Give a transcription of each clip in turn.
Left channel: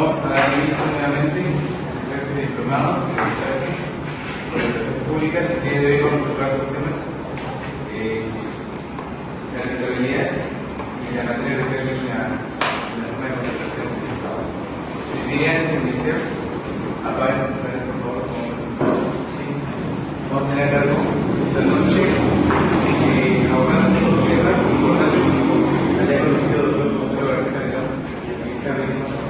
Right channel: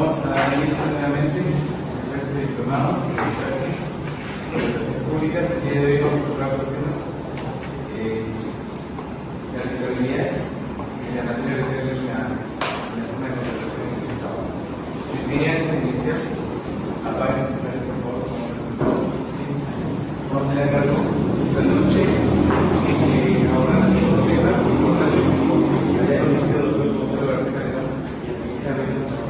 Vamos a dar inicio nuevamente a este diplomado de Relaciones Públicas. El día de hoy vamos a tocar dos temas: las rentabilidades y la materia real en la forma de contratación del Estado. Les diría antes de iniciar, apaguen sus cámaras, por favor. Vamos a tener a cargo esta noche abordando los temas importantes que haya conocido el doctor Gonzalo García de León y el ministro de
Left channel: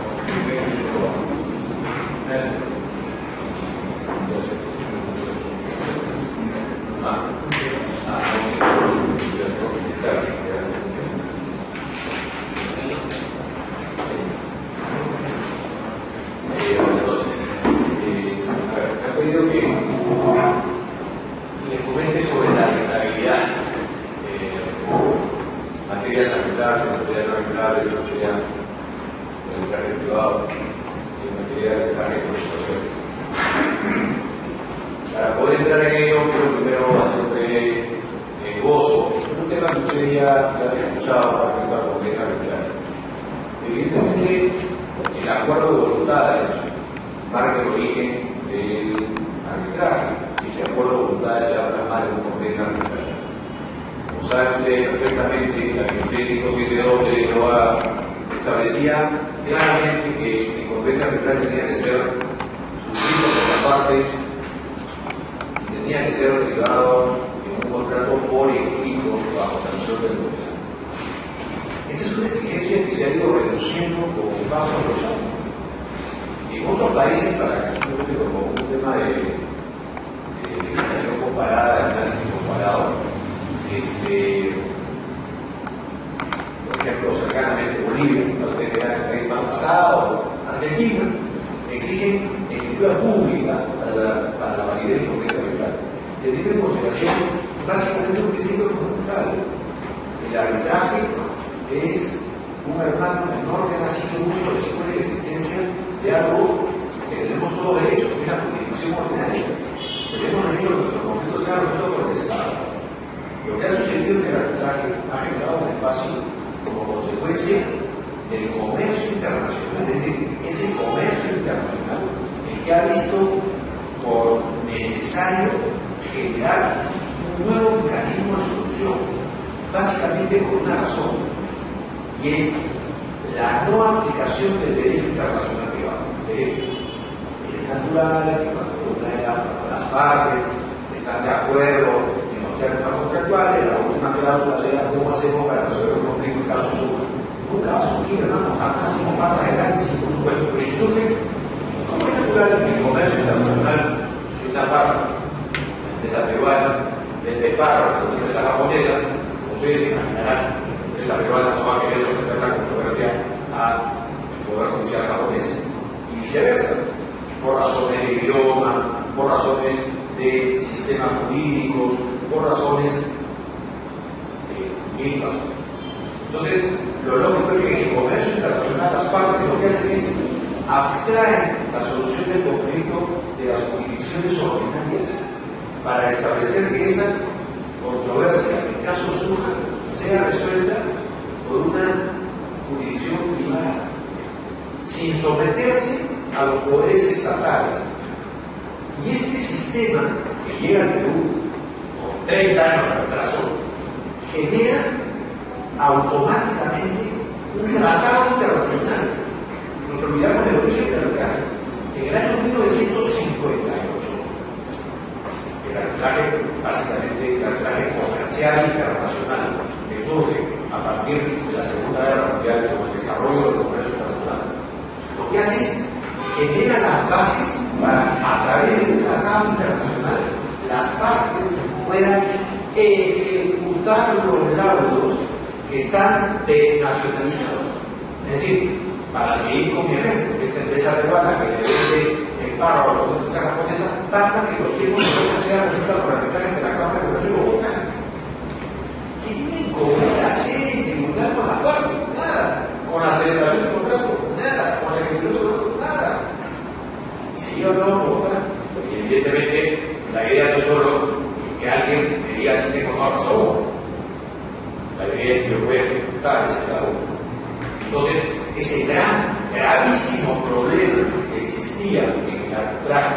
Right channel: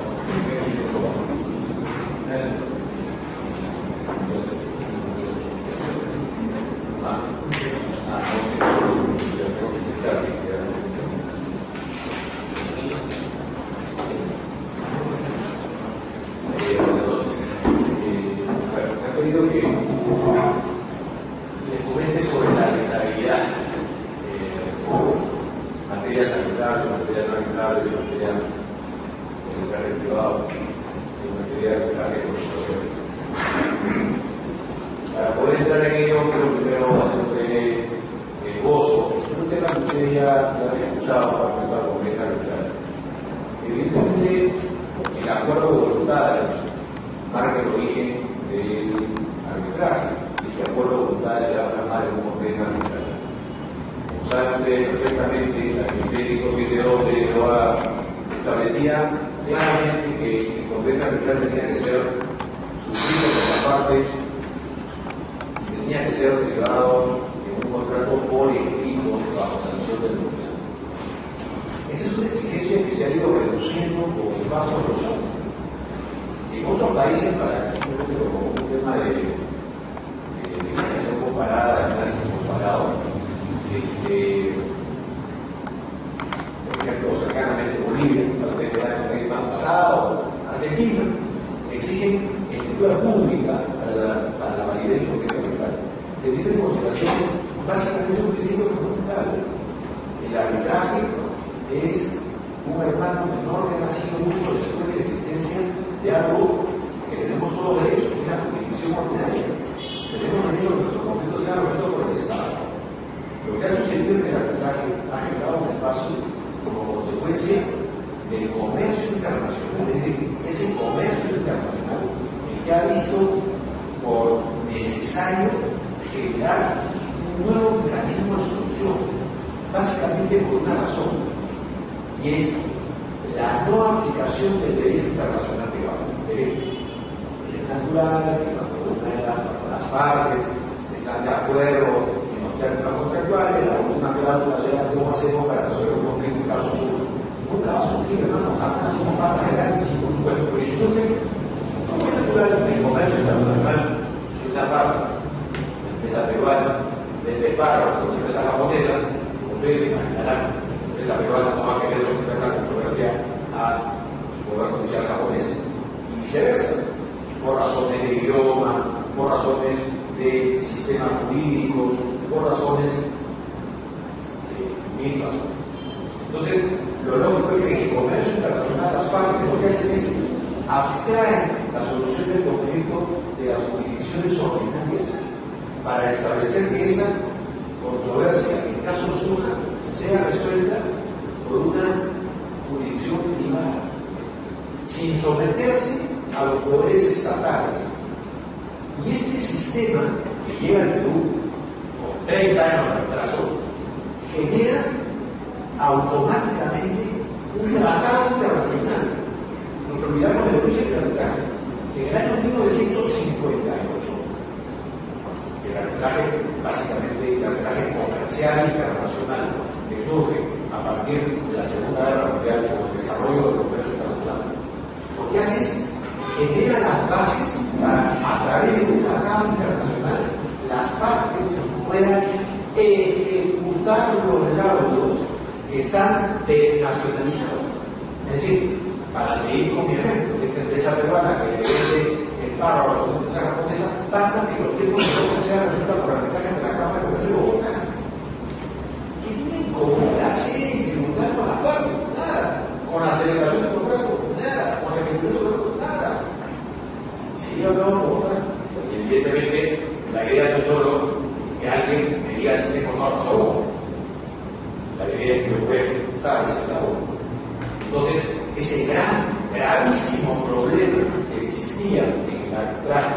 Entonces, ese gran gravísimo problema que existía en el arbitraje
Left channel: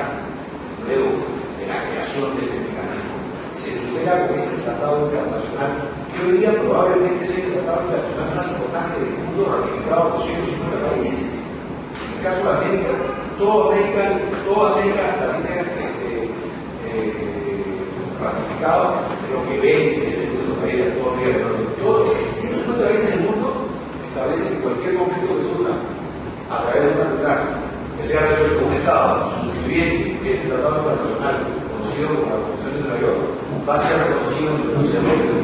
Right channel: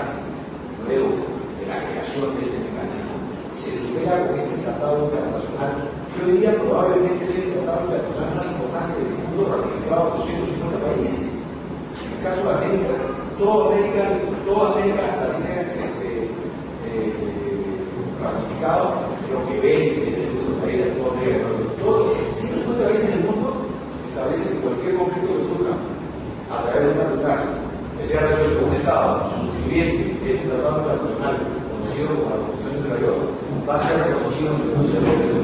luego de la creación de este mecanismo se supera con este tratado internacional, que hoy día probablemente sea el tratado internacional más importante del mundo, ratificado por 150 países. En el caso de América, toda América Latina ratificado, lo que veis es el mundo país, todo América, todo 150 países del mundo establecen que cualquier conflicto que surja a través de un arbitraje que sea resuelto por un Estado suscribiente, que es el Tratado Internacional conocido como la Convención de Nueva York, va a ser reconocido en el Consejo de América.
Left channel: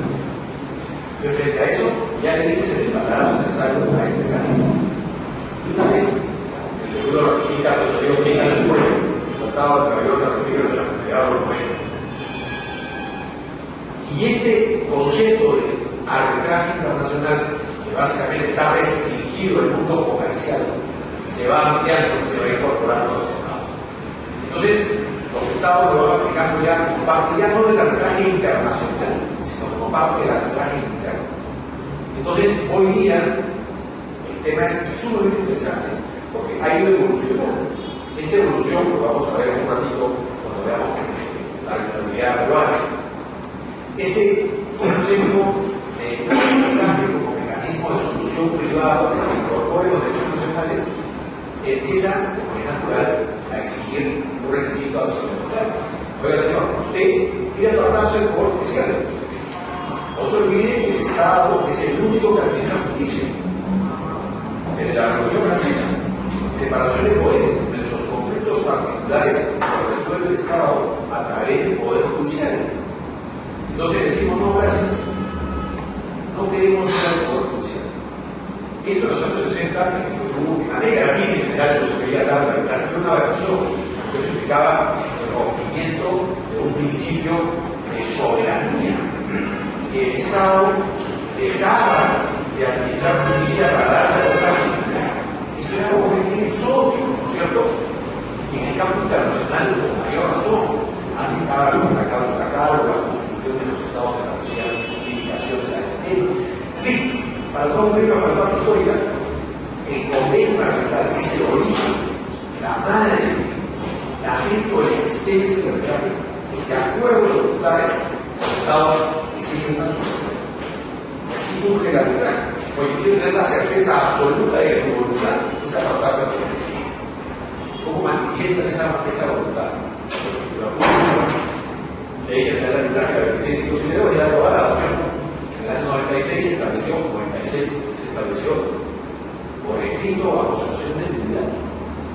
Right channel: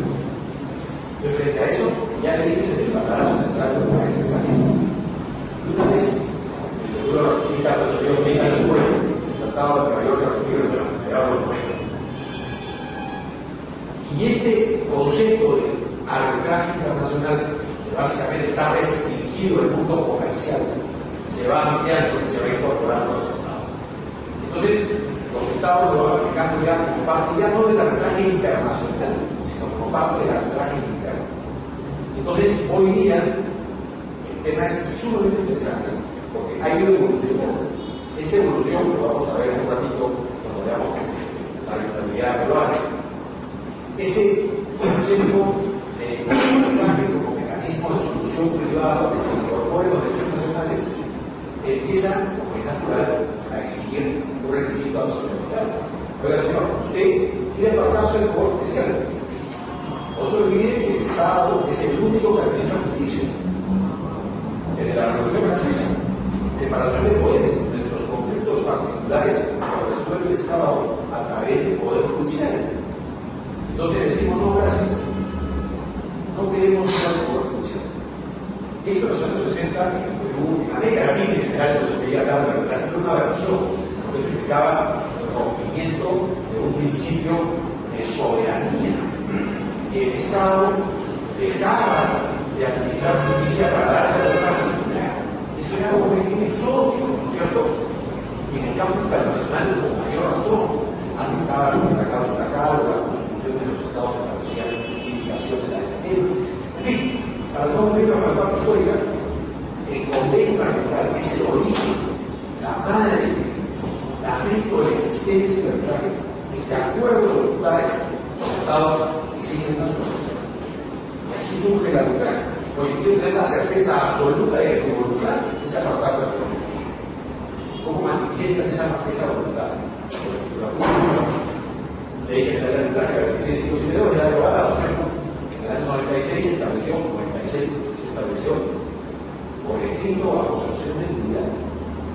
Entonces, frente a eso, ya le dices el embarazo necesario a este mecanismo. Y una vez el seguro ratifica, pues yo digo que hay después, el Tratado de Nueva York se ratifica en la Federal de los 90. Y este concepto de arbitraje internacional, que básicamente está restringido al mundo comercial, se va ampliando, se va incorporando a los Estados. Entonces, los Estados lo van aplicando ya como parte, ya no del arbitraje internacional, sino como parte del arbitraje interno. Entonces, hoy día, el tema es sumamente interesante, porque ha ido evolucionando. Esta evolución lo vamos a ver en un ratito cuando veamos la arbitrariedad peruana. Este concepto de arbitraje como mecanismo de solución privado que se incorpore en los derechos nacionales empieza, como es natural, a exigir un requisito absoluto. Oiga, señor, usted quiere tratarse del poder judicial. No se olvide que el Estado es el único que administra justicia. Desde la Revolución Francesa, separación de poderes, nuestros conflictos particulares lo resuelve el Estado a través del poder judicial. Entonces decimos, no, gracias, no queremos ir al poder judicial. Esto en los años 60, en Perú, en América Latina en general, no se quería hablar de la fue una aberración, porque eso implicaba el rompimiento de un principio de soberanía, que el Estado dejaba de administrar justicia para darse a la particular. Eso era algo que es exótico, ¿no es cierto? Y en el campo internacional, con mayor razón, afectaba los tratados de Tacalo, la Constitución de los Estados establecía limitaciones a ese tema. En fin, para no volver a la parte histórica, el convenio arbitral es el origen, la madre, el fundamento de la existencia del arbitraje, este acuerdo de voluntades, los Estados exigen una solución. Y así surge el arbitraje. Hoy quiero tener la certeza absoluta de que tu voluntad es apartar de la voluntad. ¿Cómo manifiestas esa voluntad? Ley General del Arbitraje de 2652 ya aprobada, ¿cierto? En el año 96 se estableció, 96 se estableció por escrito bajo sanción de nulidad.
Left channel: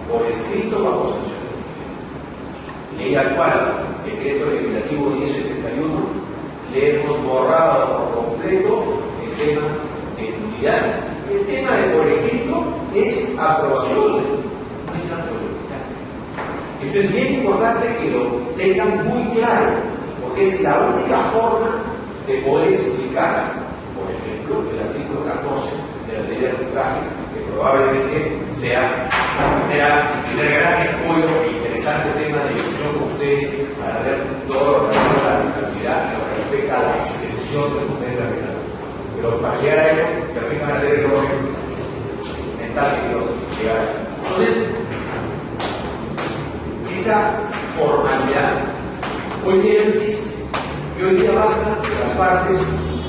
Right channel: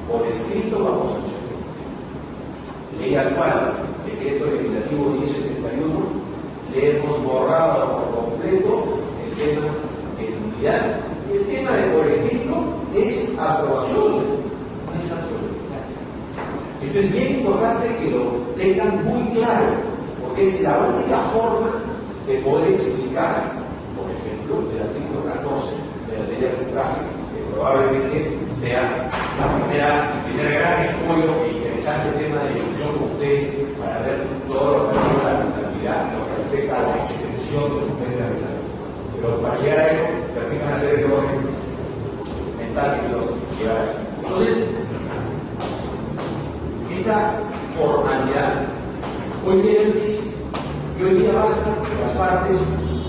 Por escrito bajo sanción de nulidad. Ley actual, decreto legislativo 1071, le hemos borrado por completo el tema de nulidad. Y el tema de por escrito es aprobación, no es absolutidad. Esto es bien importante que lo tengan muy claro, porque es la única forma de poder explicar, por ejemplo, el artículo 14 de la ley de arbitraje, que probablemente sea el primer gran escollo e interesante tema de discusión con ustedes para ver todo lo relativo a la arbitrariedad en lo que respecta a la extensión del convenio arbitral. Pero para llegar a eso, permítanme hacer el orden mental que quiero llegar a eso. Entonces, esta formalidad hoy día no existe. Y hoy día basta que las partes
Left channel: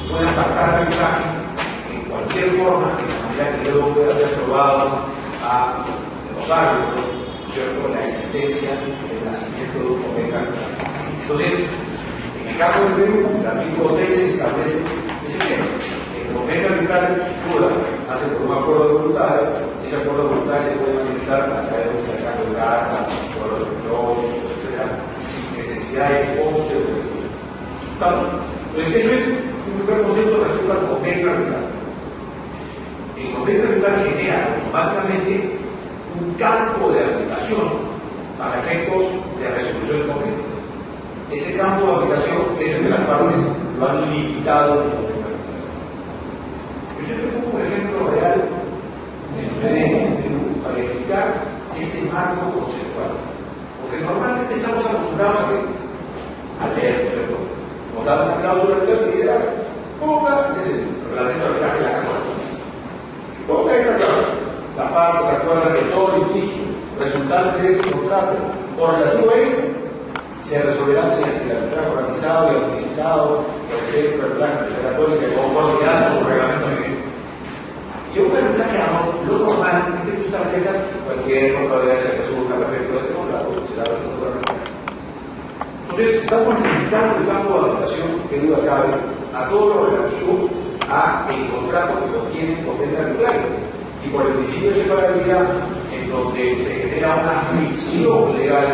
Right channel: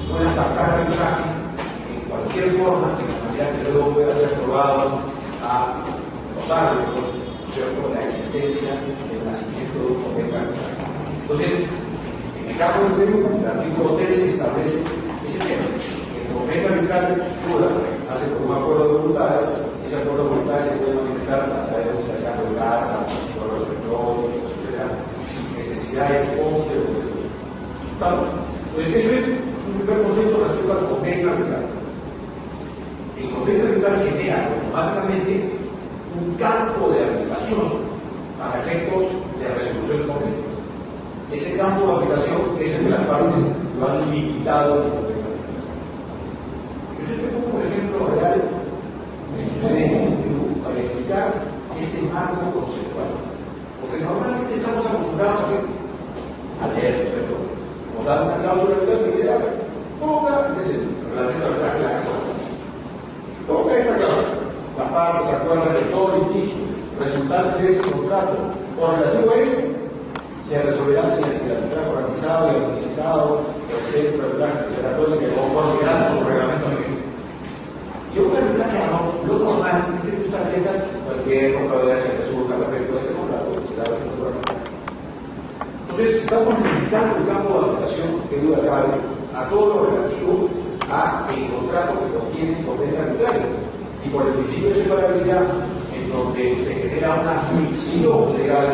puedan pactar arbitraje en cualquier forma, de manera que luego pueda ser probado a los árbitros, ¿cierto?, la existencia del nacimiento de un convenio arbitral. Entonces, en el caso del Perú, el artículo 13 establece ese tema. El convenio arbitral, sin duda, hace por un acuerdo de voluntades. Ese acuerdo de voluntades se puede manifestar a través de un intercambio de cartas, correos electrónicos, etc., sin necesidad de coste o de estamos. Entonces, eso es un primer concepto respecto al convenio arbitral. El convenio arbitral genera automáticamente un campo de aplicación para efectos de resolución de conflictos. Ese campo de aplicación es el de las partes lo han limitado en el convenio arbitral. Yo siempre pongo un ejemplo real que sucede en Perú para explicar este marco conceptual. Porque normalmente estamos acostumbrados a leer, ¿cierto? Nos dan una cláusula que dice, ponga, este es el reglamento de arbitraje de la Casa. Ponga esta cláusula. Las partes actúan parte de este contrato correlativo a esto se resolverá mediante el arbitraje organizado y administrado por el Centro de Arbitraje de la Católica en conformidad con su reglamento vigente. Y un arbitraje lo normal es que tú establejas cualquier contradicción que surja respecto a este contrato, será resuelto por arbitraje. Entonces, estamos limitando el campo de aplicación, que duda cabe, a todo lo relativo a el contrato que contiene el convenio arbitraje. Y por el principio de separabilidad, en donde se genera una ficción legal,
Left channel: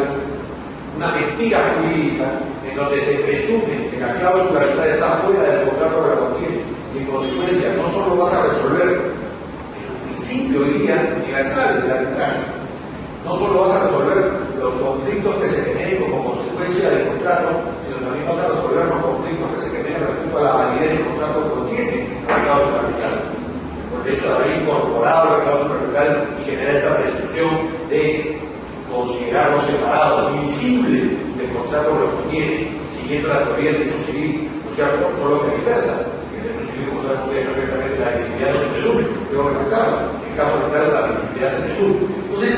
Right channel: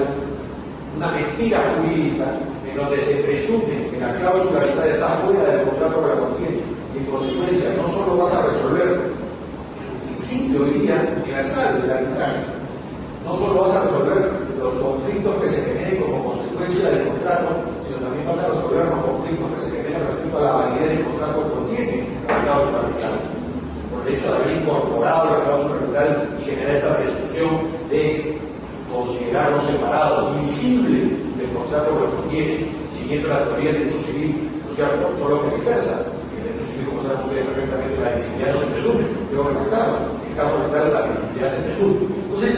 una mentira jurídica, en donde se presume que la cláusula está fuera del contrato que la contiene, y en consecuencia no solo vas a resolver el principio hoy día universal del arbitraje, no solo vas a resolver los conflictos que se generen como consecuencia del contrato, sino también vas a resolver los conflictos que se generen respecto a la validez del contrato que contiene la cláusula arbitral. Por el hecho de haber incorporado la cláusula arbitral y generar esta presunción de considerarlo separado, divisible del contrato que lo contiene, siguiendo la teoría del derecho civil, ¿no es cierto? Solo que viceversa. En el derecho civil, como saben ustedes perfectamente, la visibilidad no se presume, tengo que marcarla. En el caso arbitral, la visibilidad se presume. Entonces,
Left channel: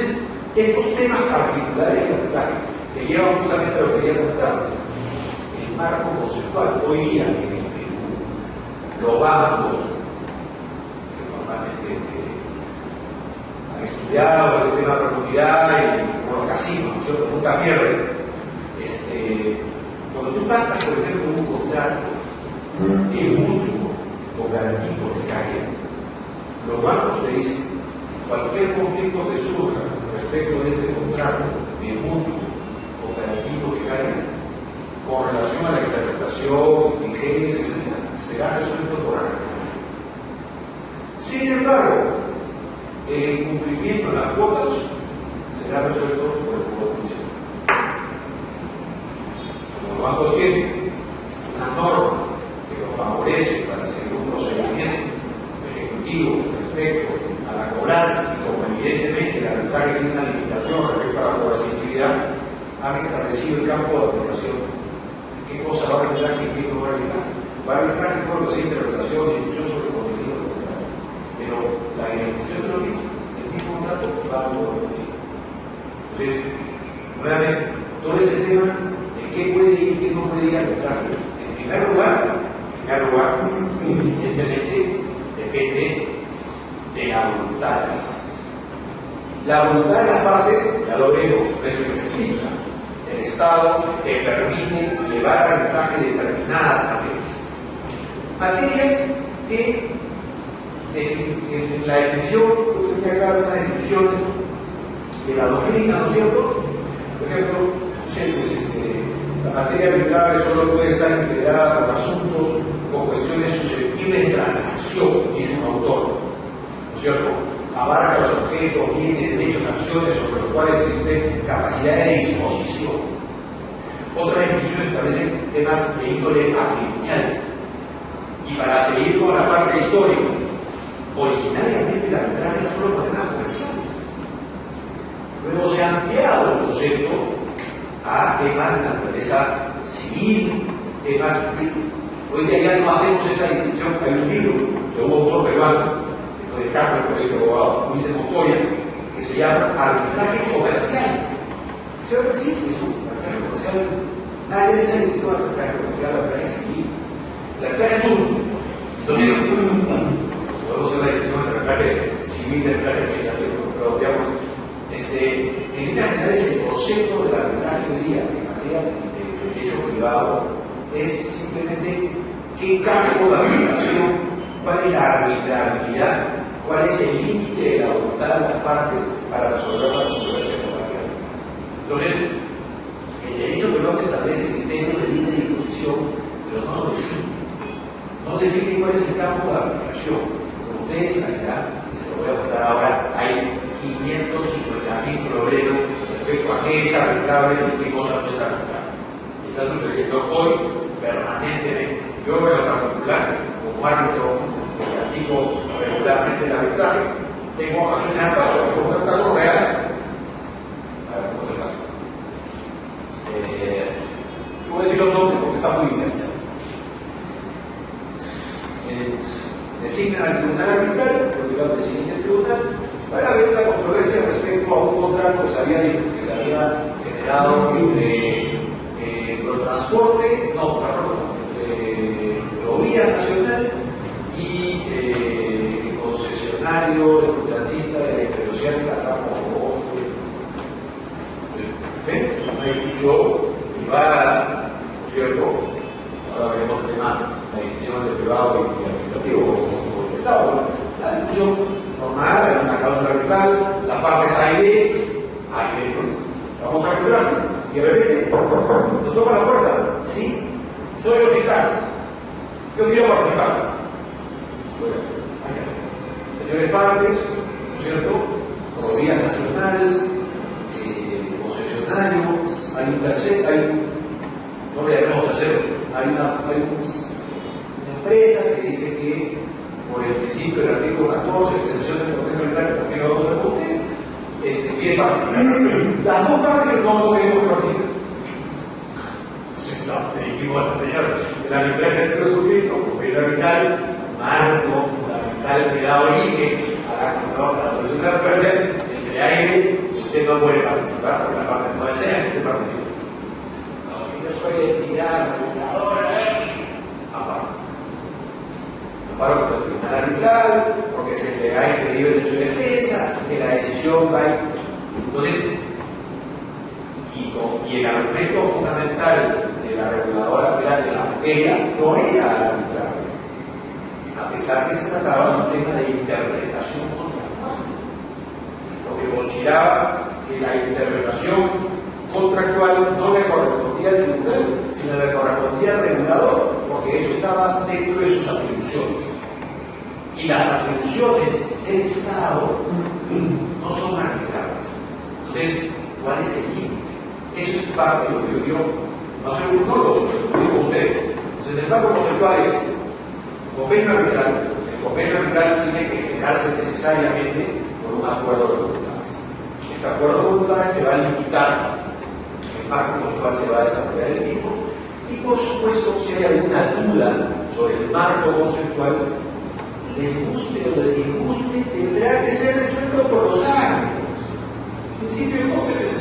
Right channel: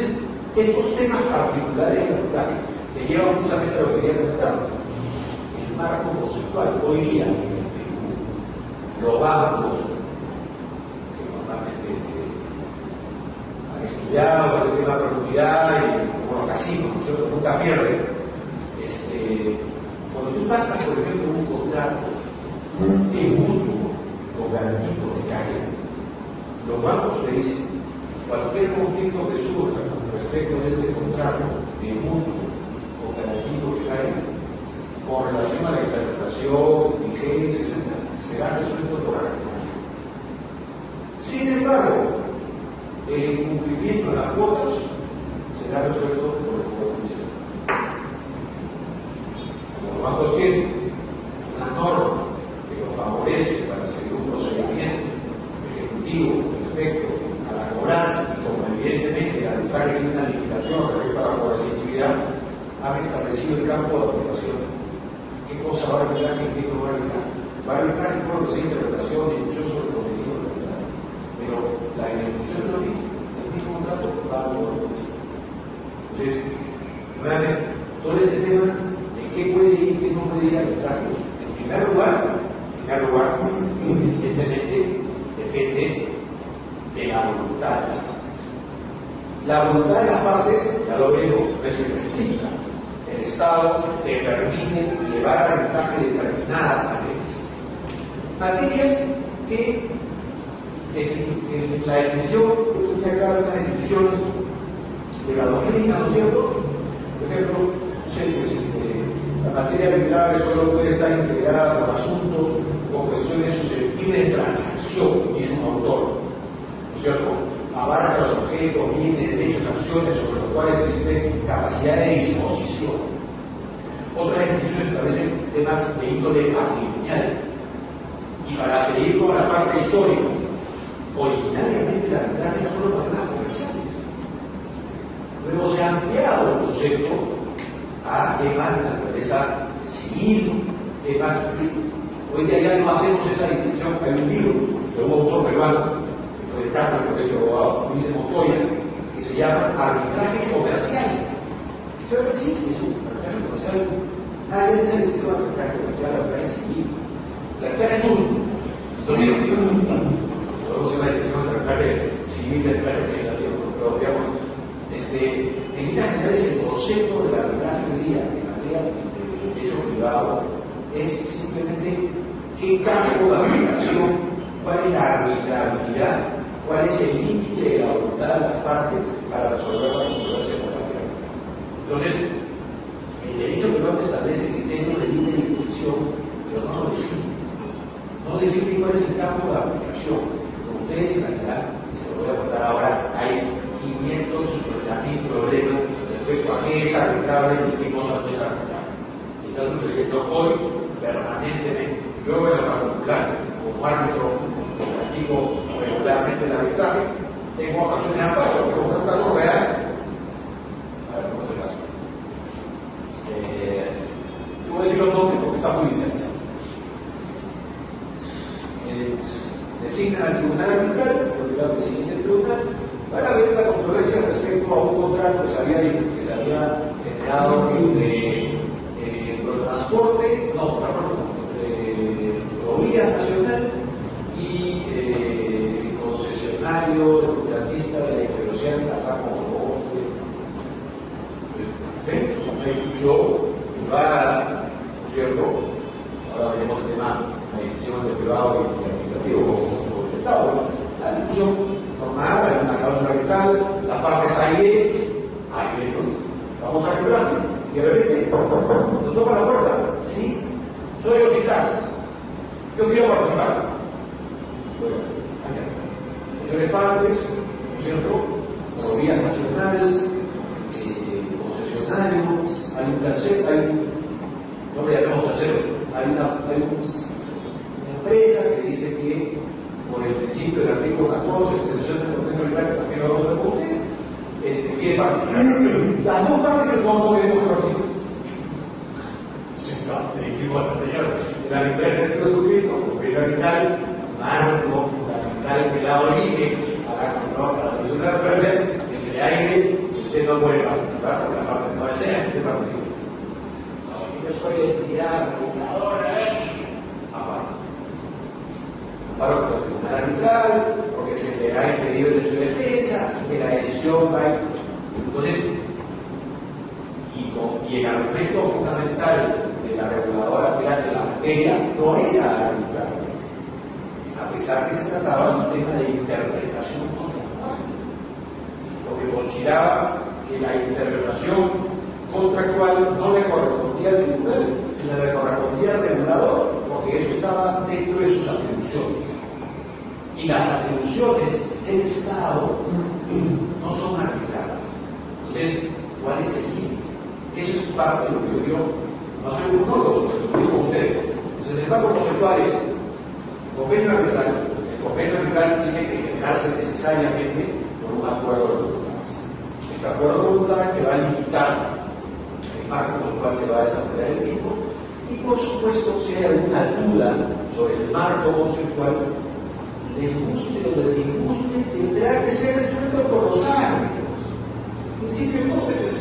estos temas particulares del arbitraje que llevan justamente a lo que quería comentar. El marco conceptual, hoy día en el Perú, los bancos que normalmente han estudiado el tema de profundidad y bueno, casinos, ¿no es cierto? Nunca pierden. Cuando tú pactas, por ejemplo, un contrato mutuo con garantía hipotecaria, los bancos te dicen cualquier conflicto que surja respecto de este contrato mutuo con garantía hipotecaria, con relación a la interpretación, vigencia, etc., será resuelto por arbitraje. Sin embargo, el incumplimiento de las cuotas será resuelto por el Poder Judicial. Como los bancos tienen una norma que los favorece para seguir un procedimiento ejecutivo respecto a la cobranza, y como evidentemente el arbitraje tiene una limitación respecto a la coercitividad, han establecido el campo de aplicación. ¿Qué cosa va a arbitrar y qué no va a arbitrar? Va a arbitrar en todo lo que sea interpretación y discusión sobre el contenido del contrato. Pero la ejecución de lo mismo, el mismo contrato va a poder decir. Entonces, nuevamente, todo este tema de qué puede ir y qué no puede ir a arbitraje, en primer lugar, evidentemente, depende de la voluntad de las partes. La voluntad de las partes, ya lo vemos, eso explica. El Estado te permite llevar a arbitraje determinadas materias que en la definición, yo tenía acá unas definiciones de la doctrina, ¿no es cierto? Por ejemplo, la materia arbitrable solo puede estar integrada con asuntos o cuestiones susceptibles de transacción, dice un autor, ¿no es cierto? Abarca los objetos, bienes, derechos, acciones sobre los cuales existe capacidad de disposición. Otras definiciones establecen temas de índole patrimonial. Y para seguir con la parte histórica, originariamente el arbitraje era solo para temas comerciales. Luego se ha ampliado el concepto a temas de naturaleza civil, temas. Hoy día ya no hacemos esa distinción. Hay un libro de un autor peruano, que fue decano del Colegio de Abogados, Luis de Montoya, que se llama Arbitraje Comercial. Eso no existe, eso, arbitraje comercial. Nadie hace esa distinción de arbitraje comercial, arbitraje civil. El arbitraje es uno. Entonces, podemos hacer la distinción entre arbitraje civil y arbitraje administrativo, pero digamos, en líneas generales, el concepto del arbitraje hoy día en materia de derecho privado es simplemente qué campo de aplicación, cuál es la arbitrabilidad, cuál es el límite de la voluntad de las partes para resolver la controversia contraria. Entonces, el derecho peruano establece criterios de línea de disposición, pero no lo define. No define cuál es el campo de aplicación. Como ustedes imaginarán, se lo voy a contar ahora, hay 550.000 problemas respecto a qué es arbitrable y qué cosa no es arbitrable. Está sucediendo hoy permanentemente. Yo en lo particular, como árbitro que practico regularmente el arbitraje, tengo ocasiones de amparo, tengo un caso real. A ver, ¿cómo es el caso? Yo voy a decir los nombres porque está muy licenciado. Designan al tribunal arbitral, porque va al presidente del tribunal, para ver la controversia respecto a un contrato que se había concesionario, el contratista de la integridad acá como perfecto, una discusión privada, ¿no es cierto? Ahora veremos el tema, la decisión del privado y el administrativo o del Estado, ¿no? La discusión normal, hay una cláusula arbitral, las partes A y B, pues, vamos a recuperarlo. Y de repente, nos toca la puerta, ¿sí? Soy fiscal, yo quiero participar. Bueno, señores partes, ¿no es cierto? Rodilla nacional, concesionario, hay un tercero, no le llamemos tercero, hay una empresa que dice que por el principio del artículo 14, extensión del contenido legal, ¿por qué no vamos a recoger? Quiere participar. Las dos partes no queremos participar. Entonces, no, le dijimos al señor, el arbitraje ha sido suscrito, porque el arbitral, marco fundamental que da origen a la control, a la solución de la controversia, entre aire, usted no puede participar, porque la parte no desea que usted participe. No, yo soy entidad reguladora, amparo por el tribunal arbitral, porque se le ha impedido el derecho de defensa, que la decisión va. Entonces, y el argumento fundamental de la reguladora de la materia no era arbitrario, a pesar que se trataba de un tema de interpretación contractual, porque consideraba que la interpretación contractual no le correspondía al tribunal, sino le correspondía al regulador, porque eso estaba dentro de sus atribuciones. Y las atribuciones del Estado no son arbitrarias. Entonces, ¿cuál es el límite? Eso es parte de lo que yo quiero, no soy un tólogo, lo digo con ustedes. Entonces, el marco conceptual es convenio arbitral. El convenio arbitral tiene que generarse necesariamente por un acuerdo de voluntades. Este acuerdo de voluntades te va a limitar el marco con el cual se va a desarrollar el mismo. Y por supuesto, si hay alguna duda sobre el marco conceptual, les guste o les disguste, tendrá que ser resuelto por los árbitros. En principio, cómpetes.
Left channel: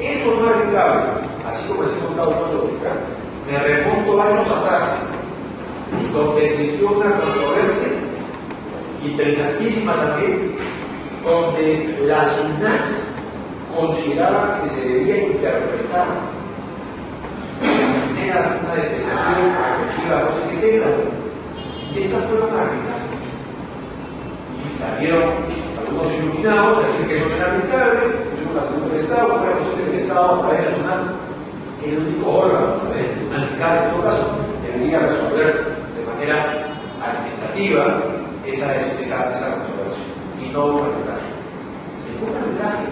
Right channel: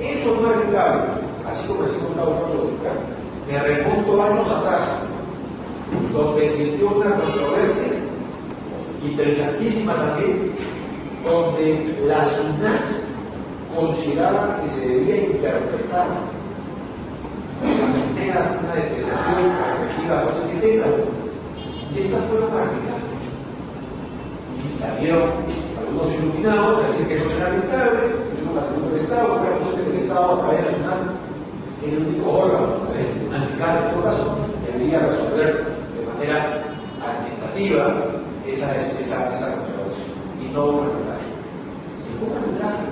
Eso no es arbitrable. Así como les he contado un caso fiscal, me remonto años atrás, donde existió una controversia interesantísima también, donde la SUNAT consideraba que se debía interpretar una depreciación efectiva, no sé qué tema, y estas fueron arbitrajes. Y salieron algunos iluminados a decir que eso era arbitrable, pusimos la pregunta del Estado, para que el Estado a través de la SUNAT, el único órgano, un fiscal en todo caso, debería resolver de manera administrativa esa controversia, y no un arbitraje. Si fue un arbitraje,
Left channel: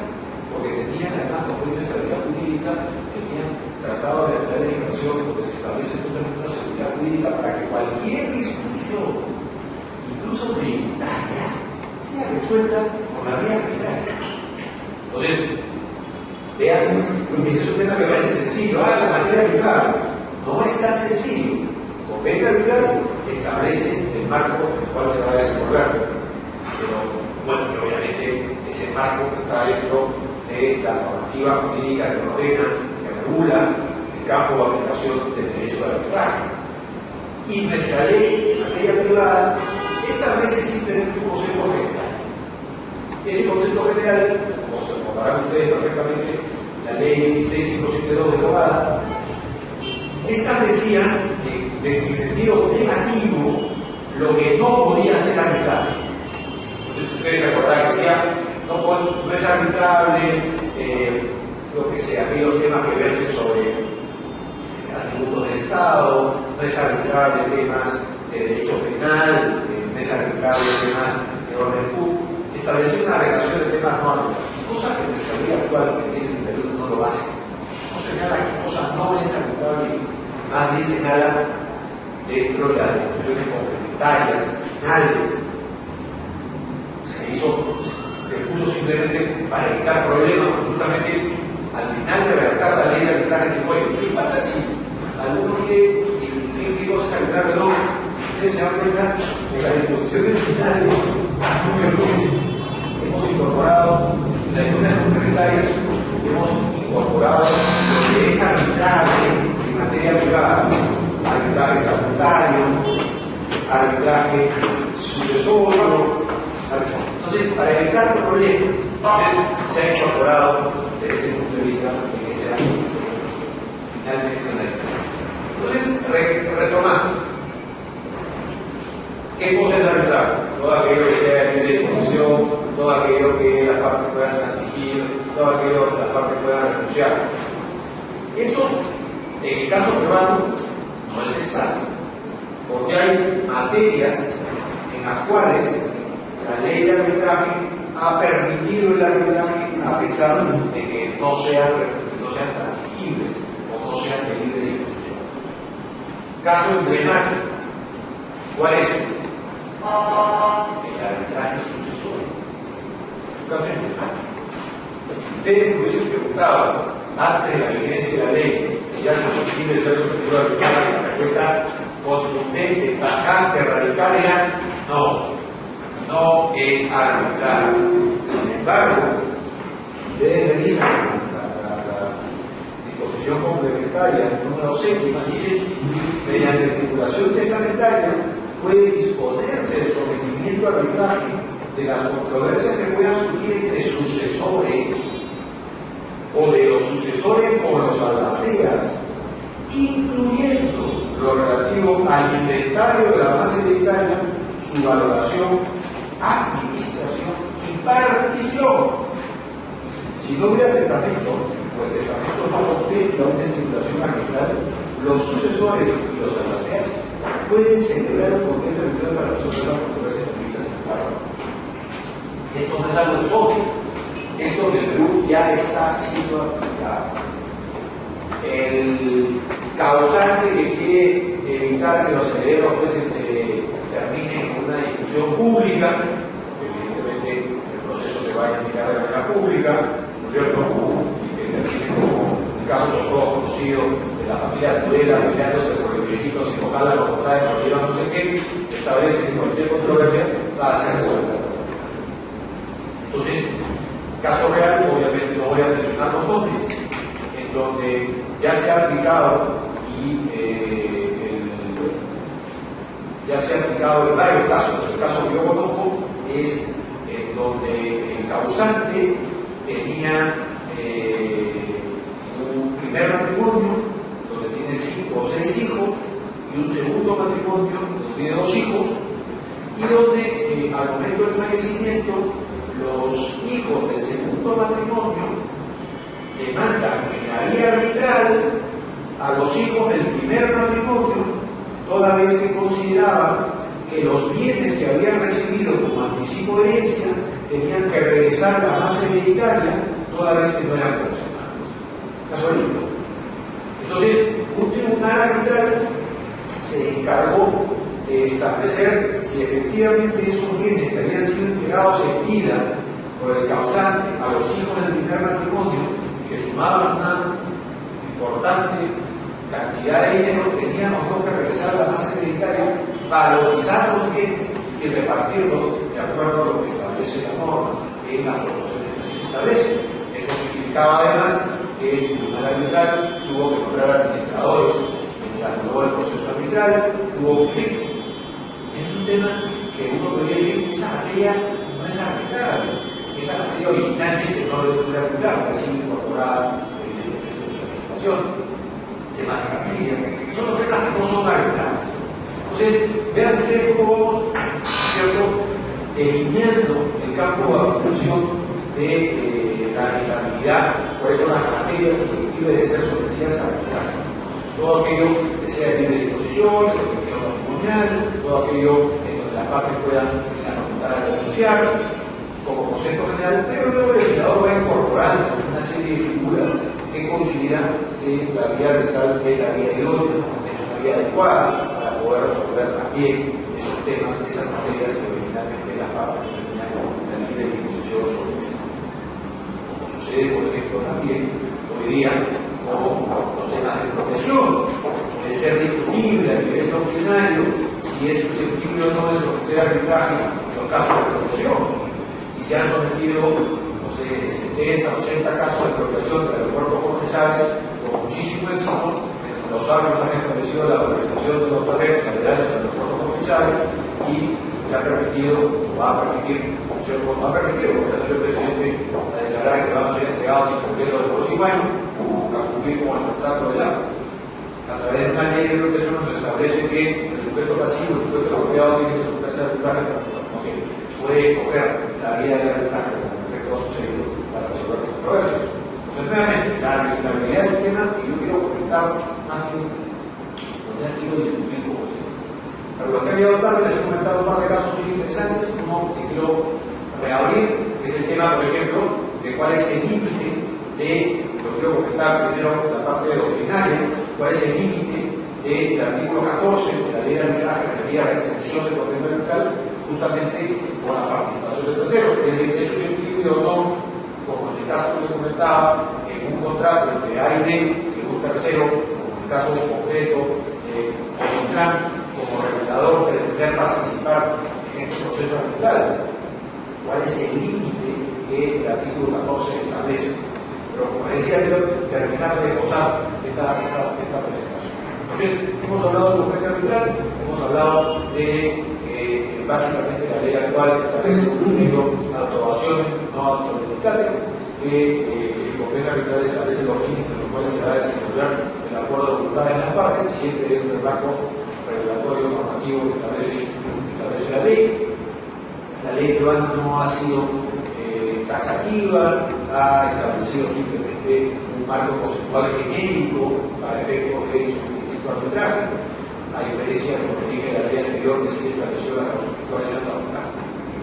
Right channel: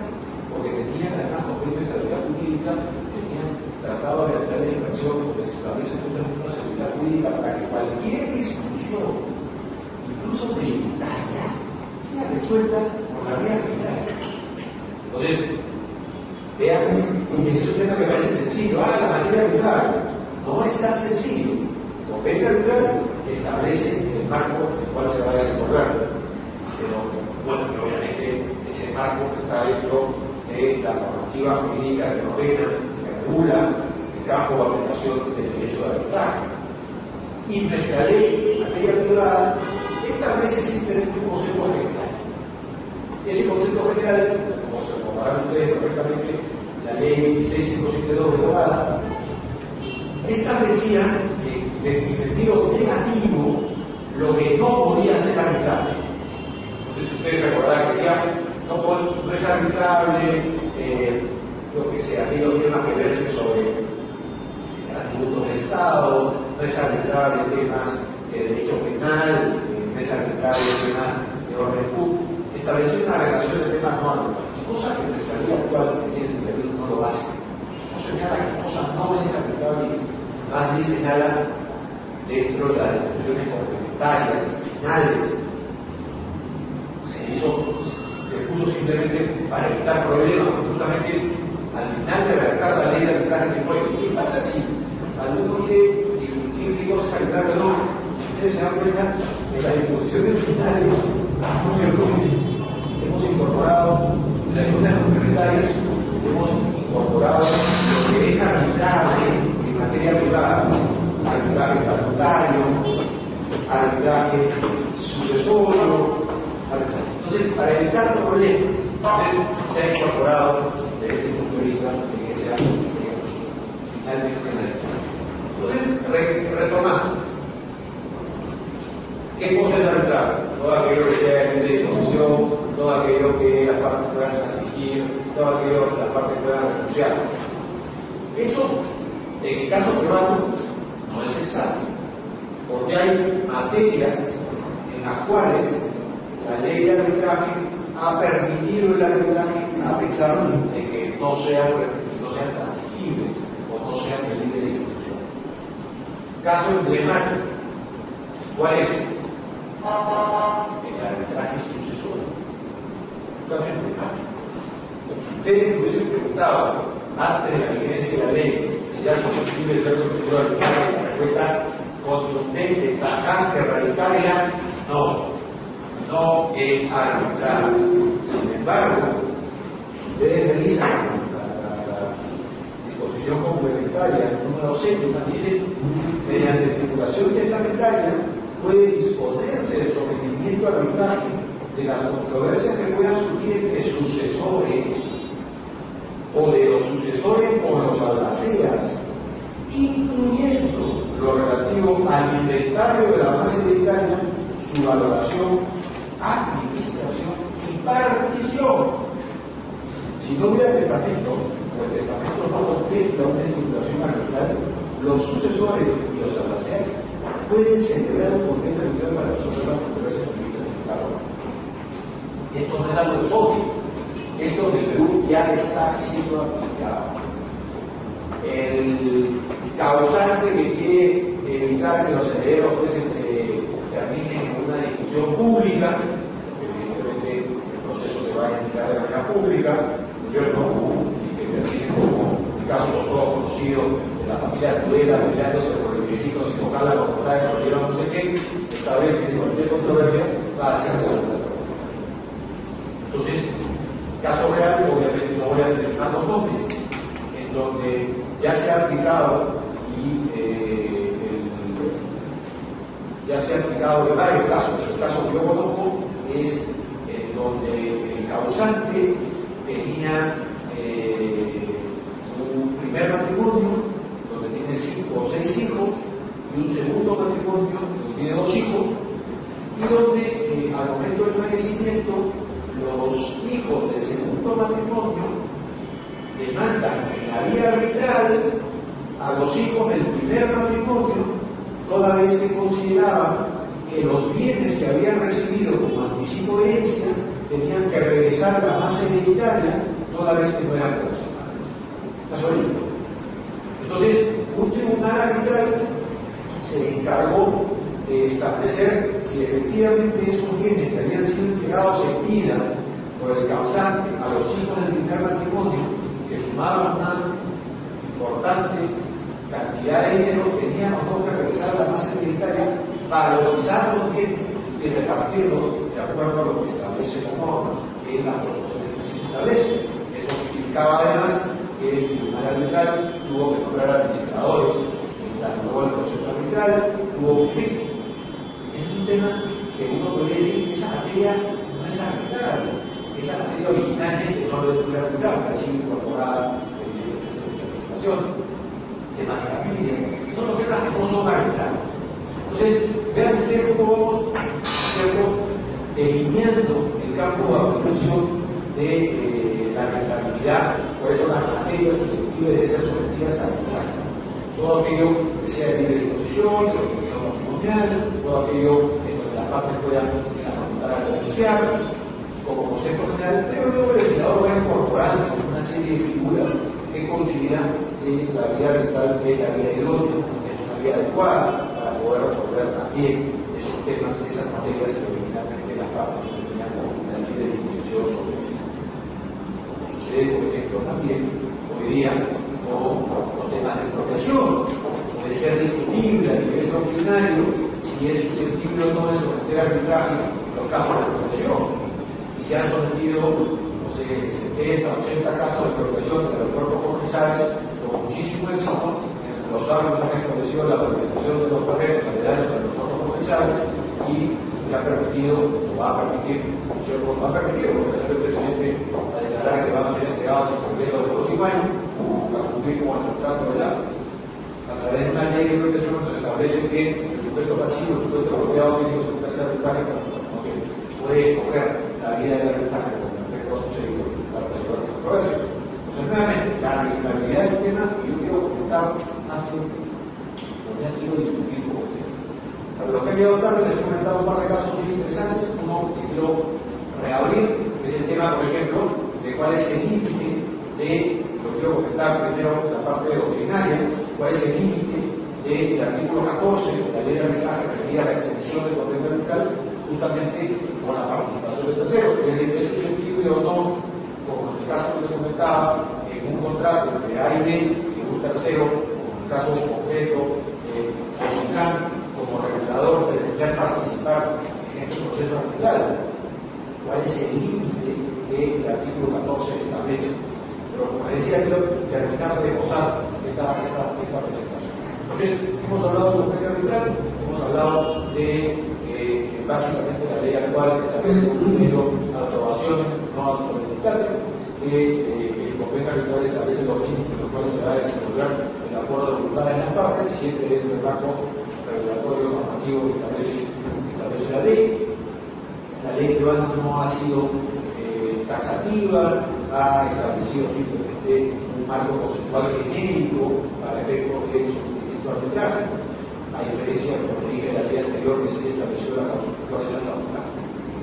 porque tenían además una estabilidad jurídica, tenían tratado de la legislación donde se establece justamente una seguridad jurídica para que cualquier discusión, incluso tributaria, sea resuelta por la vía arbitraria. Entonces, vean, ese es un tema que parece sencillo. La materia arbitral no es tan sencillo. El convenio arbitral establece el marco en el cual se va a desenvolver. Pero, bueno, obviamente ese marco está dentro de la normativa jurídica que ordena, que regula el campo de aplicación del derecho de arbitraje. Y nuestra ley en materia privada establece simplemente un concepto general. Ese concepto general, como se recordarán ustedes perfectamente, la ley 26572 de Bogada, establecía desde el sentido negativo lo que no podía ser arbitrable. Entonces ustedes se acordarán que decía, no es arbitrable lo que sea, aquellos temas que versen sobre atributos del Estado, no es arbitrable temas de derecho penal, no es arbitrable temas de orden público. Establecer una relación de temas no arbitrables, cosa que en nuestra vida actual, que es el Perú, no lo hace. No señala que cosas no es arbitrable, más bien señala dentro de las discusiones complementarias, finales. Se puso simplemente para evitar problemas, justamente al final de redactar la ley de arbitraje se dijo, ¿qué pasa si alguno quiere discutir qué cosas arbitrarias no? Ustedes se dan cuenta de las disposiciones finales, ¿no es cierto? Hemos incorporado en las discusiones complementarias, hemos incorporado lo que es arbitraje en materia privada, arbitraje estatutario, arbitraje sucesorio, evitar problemas. Entonces, se ha incorporado desde ese punto de vista en ese año finalmente en la discusión. Entonces, retomando, ¿qué cosa es arbitraje? Todo aquello que sea libre de disposición, todo aquello que las partes puedan transigir, todo aquello que las partes puedan renunciar. Eso, en el caso peruano, no es exacto, porque hay materias en las cuales la ley de arbitraje ha permitido el arbitraje a pesar de que no sean transigibles o no sean de libre disposición. Caso emblemático, ¿cuál es? El arbitraje sucesorio. Caso emblemático. Si ustedes me hubiesen preguntado antes de la vigencia de la ley si era susceptible de ser sometido a arbitraje, la respuesta contundente, tajante, radical era no. No es arbitraje. Sin embargo, si ustedes revisan la disposición complementaria número 6, dice, mediante estipulación testamentaria puede disponerse del sometimiento al arbitraje de las controversias que puedan surgir entre sucesores o de los sucesores con los albaceas, incluyendo lo relativo al inventario de la base hereditaria, su valoración, administración y partición. Si no hubiera testamento, o el testamento no contempla una estipulación arbitral, los sucesores y los albaceas pueden celebrar un convenio arbitral para resolver las controversias previstas en el párrafo. Esto no es algo exótico. Esto en el Perú ya está siendo aplicado. El causante que quiere evitar que los herederos pues, terminen en una discusión pública, evidentemente el proceso se va a indicar de manera pública, ¿no es cierto? Y que termine como el caso de todos conocidos de la familia Tudela peleándose por el viejito sin ojalá los portales o no sé qué, establece que cualquier controversia va a ser resuelta. Entonces, caso real, obviamente no voy a mencionar los nombres, en donde ya se ha aplicado ya se ha aplicado en varios casos. El caso que yo conozco es en donde el causante tenía un primer matrimonio donde tiene 5 o 6 hijos y un segundo matrimonio donde tiene 2 hijos y donde al momento del fallecimiento los hijos del segundo matrimonio demandan en la vía arbitral a los hijos del primer matrimonio, toda vez que consideraban que los bienes que habían recibido como anticipo de herencia tenían que regresar a la base hereditaria, toda vez que no eran relacionados. Casualito. Entonces, un tribunal arbitral se encargó de establecer si efectivamente esos bienes que habían sido entregados en vida por el causante a los hijos del primer matrimonio, que sumaban una importante cantidad de dinero, tenían o no que regresar a la base hereditaria, valorizar los bienes y repartirlos de acuerdo a lo que establece la norma en las proporciones que se establecen. Esto significaba además que el tribunal arbitral tuvo que nombrar administradores mientras duró el proceso arbitral, tuvo que es un tema que uno podría decir, esa materia no es arbitrable. Esa materia originalmente no lo puede arbitrar, pero ha sido incorporada en la legislación. Temas de familia, son los temas que no son arbitrables. Entonces, vean ustedes cómo vamos, ¿cierto?, delineando el campo de aplicación de la arbitrabilidad, cuáles son las materias susceptibles de ser sometidas a arbitraje. Todo aquello que sea de libre disposición, lo que quiera matrimonial, todo aquello en donde las partes puedan facultar a denunciar, como concepto general, pero luego el legislador va incorporando una serie de figuras que consideran que la vía arbitral es la vía idónea, es una vía adecuada para poder resolver también esos temas, esas materias que originalmente las partes tenían una libre disposición sobre esta. Como sucede, por ejemplo, también hoy día con los temas de expropiación. Puede ser discutible a nivel doctrinario si es susceptible o no de someter arbitraje los casos de expropiación. Y se han sometido, no sé, 70, 80 casos de expropiación del aeropuerto Jorge Chávez con muchísimo éxito. Los árbitros han establecido la valorización de los terrenos aledaños al aeropuerto Jorge Chávez y le ha permitido, o va a permitir, no ha permitido, porque ha salido el presidente a declarar que van a ser entregados sin completo de los 5 años, a cumplir con el contrato del agua. A través de una ley de protección donde establece que el sujeto pasivo, el sujeto bloqueado tiene que someterse al arbitraje porque puede coger la vía del arbitraje como en efecto ha sucedido para resolver los controversias. Entonces, nuevamente, la arbitrabilidad es un tema que yo quiero comentar más que quiero discutir con ustedes. Pero lo que ha llegado tarde, les he comentado un par de casos muy interesantes, uno que quiero reabrir, que es el tema, por ejemplo, de cuál es el límite de, lo quiero comentar primero la parte doctrinaria, cuál es el límite del artículo 14 de la ley de arbitraje referida a la extensión del papel arbitral, justamente con la participación de terceros. Es decir, eso es incluido o no, como en el caso que les comentaba, en un contrato entre AID y un tercero, como en el caso concreto, como regulador de poder participar en este proceso arbitral. ¿Cuál es el límite que el artículo 14 establece? Pero como decía, quiero terminar de gozar esta presentación. Entonces, hemos hablado del completo arbitral, hemos hablado de básicamente la ley actual que establece la aprobación no absoluta, que el completo arbitral establece los límites en los cuales se va a desenvolver el acuerdo de voluntad de las partes, siempre dentro del marco regulatorio normativo que establece la ley. La ley peruana no ha sido taxativa, ha establecido simplemente un marco conceptual genérico para efectos de su arbitraje, a diferencia de lo que dije en la ley anterior que sí estableció la causa de arbitraje.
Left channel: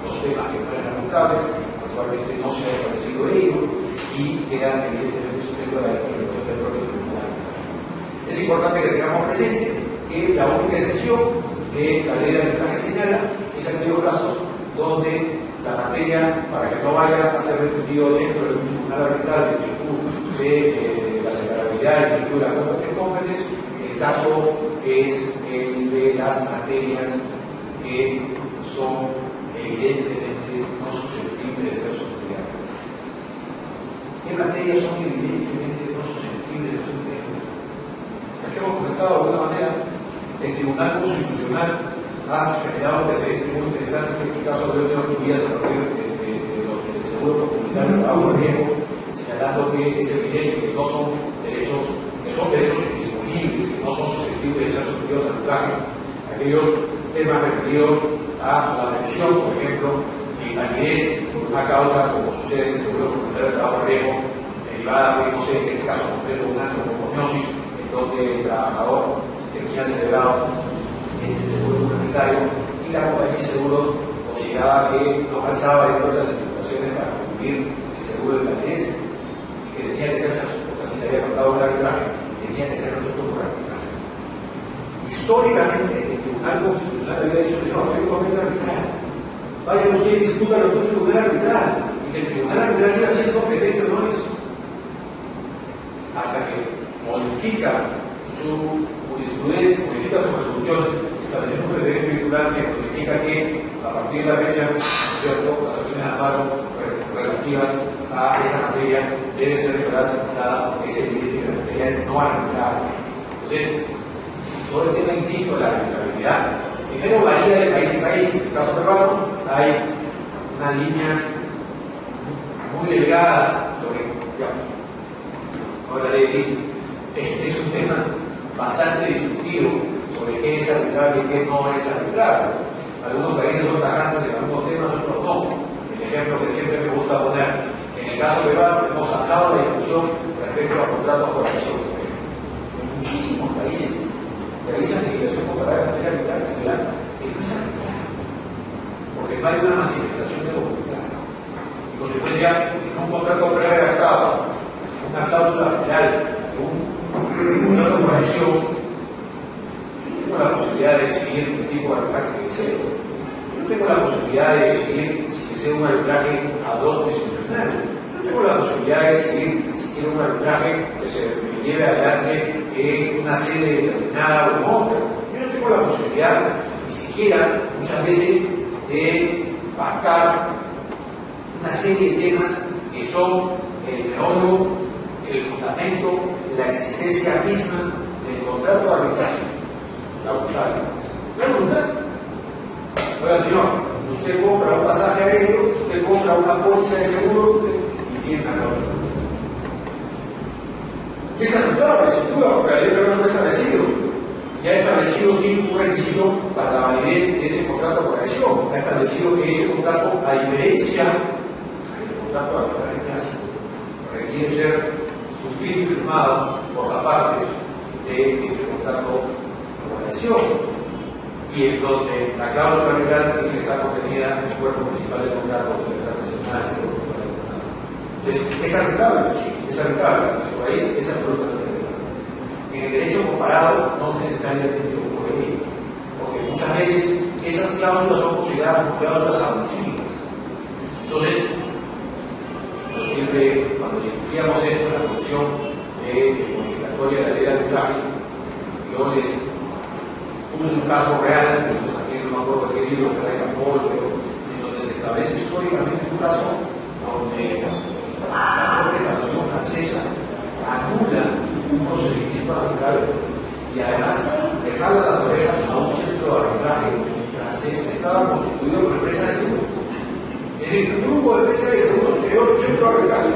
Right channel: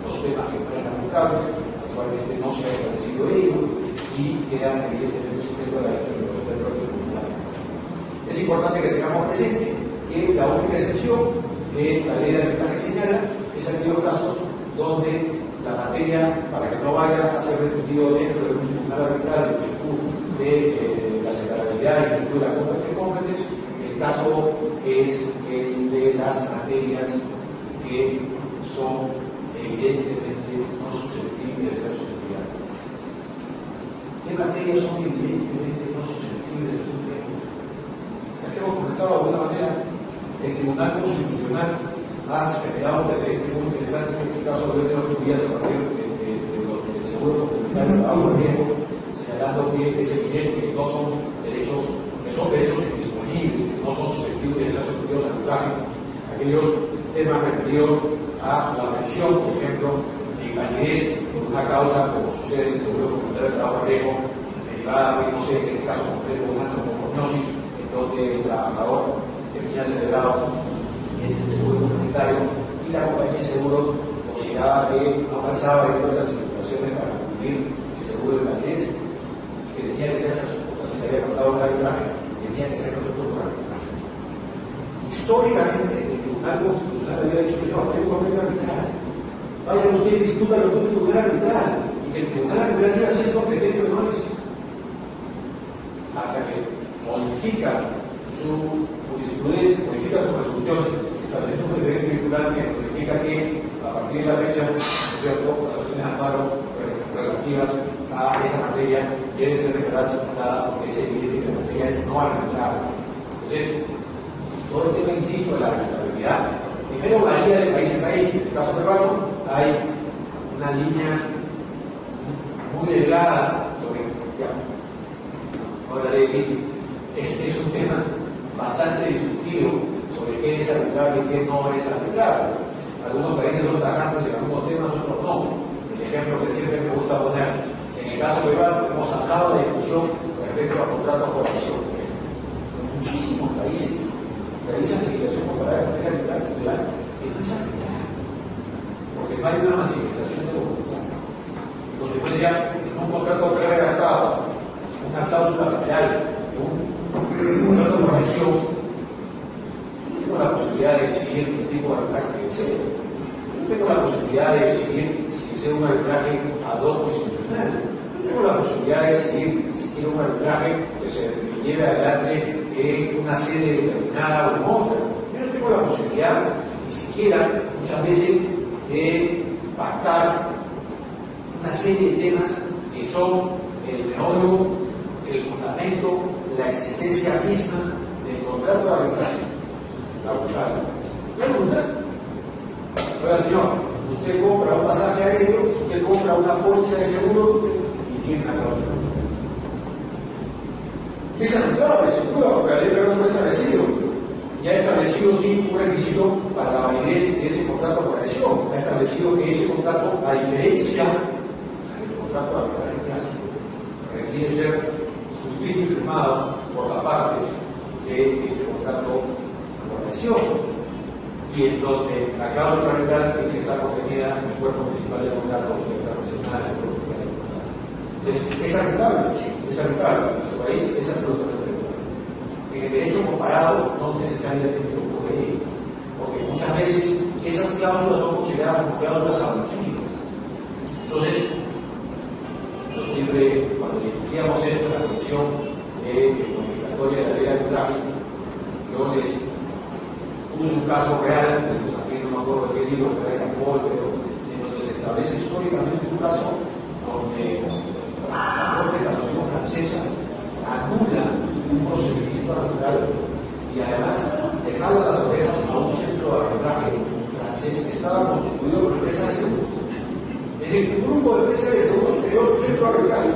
Los temas que no eran arbitrables, actualmente no se ha establecido ello y quedan evidentemente sujetos a la intervención del propio tribunal. Es importante que tengamos presente que la única excepción que la ley de arbitraje señala es aquellos casos donde la materia, para que no vaya a ser discutido dentro de un tribunal arbitral en virtud de la separabilidad y en virtud de la competence, el caso es el de las materias que son evidentemente no susceptibles de ser sometidas. ¿Qué materias son evidentemente no susceptibles de ser sometidas? Aquí hemos comentado de alguna manera, el Tribunal Constitucional ha generado un precedente muy interesante en este caso de otras vías a partir del seguro comunitario de trabajo riesgo, señalando que es evidente que no son derechos, que son derechos indisponibles, que no son susceptibles de ser sometidos al arbitraje. Aquellos temas referidos a la mención, por ejemplo, de invalidez por una causa, como sucede en el seguro comunitario de trabajo riesgo, derivada de, no sé, en este caso concreto, una neumoniosis, en donde el trabajador tenía celebrado este seguro comunitario y la compañía de seguros consideraba que no alcanzaba dentro de las estipulaciones para cumplir el seguro de invalidez y que tenía que ser porque se le había contado un arbitraje, tenía que ser resuelto por arbitraje. Históricamente, el Tribunal Constitucional había dicho que no, hay un convenio arbitral. Vayan ustedes y discutan lo que el Tribunal arbitral y que el Tribunal arbitral iba a ser competente o no es. Hasta que modifica su jurisprudencia, modifica sus resoluciones, estableciendo un precedente vinculante que indica que a partir de la fecha, ¿cierto?, las acciones de amparo relativas a esa materia deben ser declaradas arbitradas porque es evidente que la materia es no arbitrable. Entonces, todo el tema, insisto, de la arbitrabilidad, primero varía de país en país. En el caso peruano hay una línea muy delgada sobre, digamos, ahora es un tema bastante discutido sobre qué es arbitrable y qué no es arbitrable. Algunos países son tajantes en algunos temas, otros no. El ejemplo que siempre me gusta poner, en el caso peruano hemos sacado la discusión respecto a contratos por acción. En muchísimos países realizan legislación comparada de manera arbitral que no es arbitrable, porque no hay una manifestación de voluntad. En consecuencia, en un contrato pre-redactado, una cláusula general de un contrato por acción, tengo la posibilidad de decidir qué tipo de arbitraje que deseo. Yo tengo la posibilidad de decidir si deseo un arbitraje ad hoc institucional. Yo tengo la posibilidad de decidir si quiero un arbitraje que se me lleve adelante en una sede determinada o en otra. Yo no tengo la posibilidad, ni siquiera, muchas veces, de pactar una serie de temas que son el meollo, el fundamento de la existencia misma del contrato de arbitraje. La voluntad. ¿La voluntad? Oiga, señor, Usted compra un pasaje aéreo, usted compra una póliza de seguro y tiene una cláusula. Es arbitrable, sin duda, porque la ley peruana no ha establecido. Ya ha establecido sí un requisito para la validez de ese contrato por adhesión. Ha establecido que ese contrato, a diferencia del contrato de arbitraje clásico, requiere ser suscrito y firmado por las partes de este contrato por adhesión, y en donde la cláusula arbitral tiene que estar contenida en el cuerpo principal del contrato, tiene que estar mencionada en el cuerpo principal del contrato. Entonces, ¿es arbitrable? Sí, es arbitrable. En nuestro país es absolutamente arbitrable. En el derecho comparado no necesariamente ocurre, porque muchas veces esas cláusulas son consideradas como cláusulas abusivas. Entonces, yo siempre, cuando discutíamos esto en la comisión modificatoria de la ley de arbitraje, yo les puse un caso real, que pues aquí no me acuerdo qué libro, que era de Campol, pero en donde se establece históricamente un caso donde la Corte de Casación francesa anula un procedimiento arbitral y además le jala las orejas a un centro de arbitraje francés que estaba constituido por empresas de seguros. Es decir, un grupo de empresas de seguros creó su centro de arbitraje.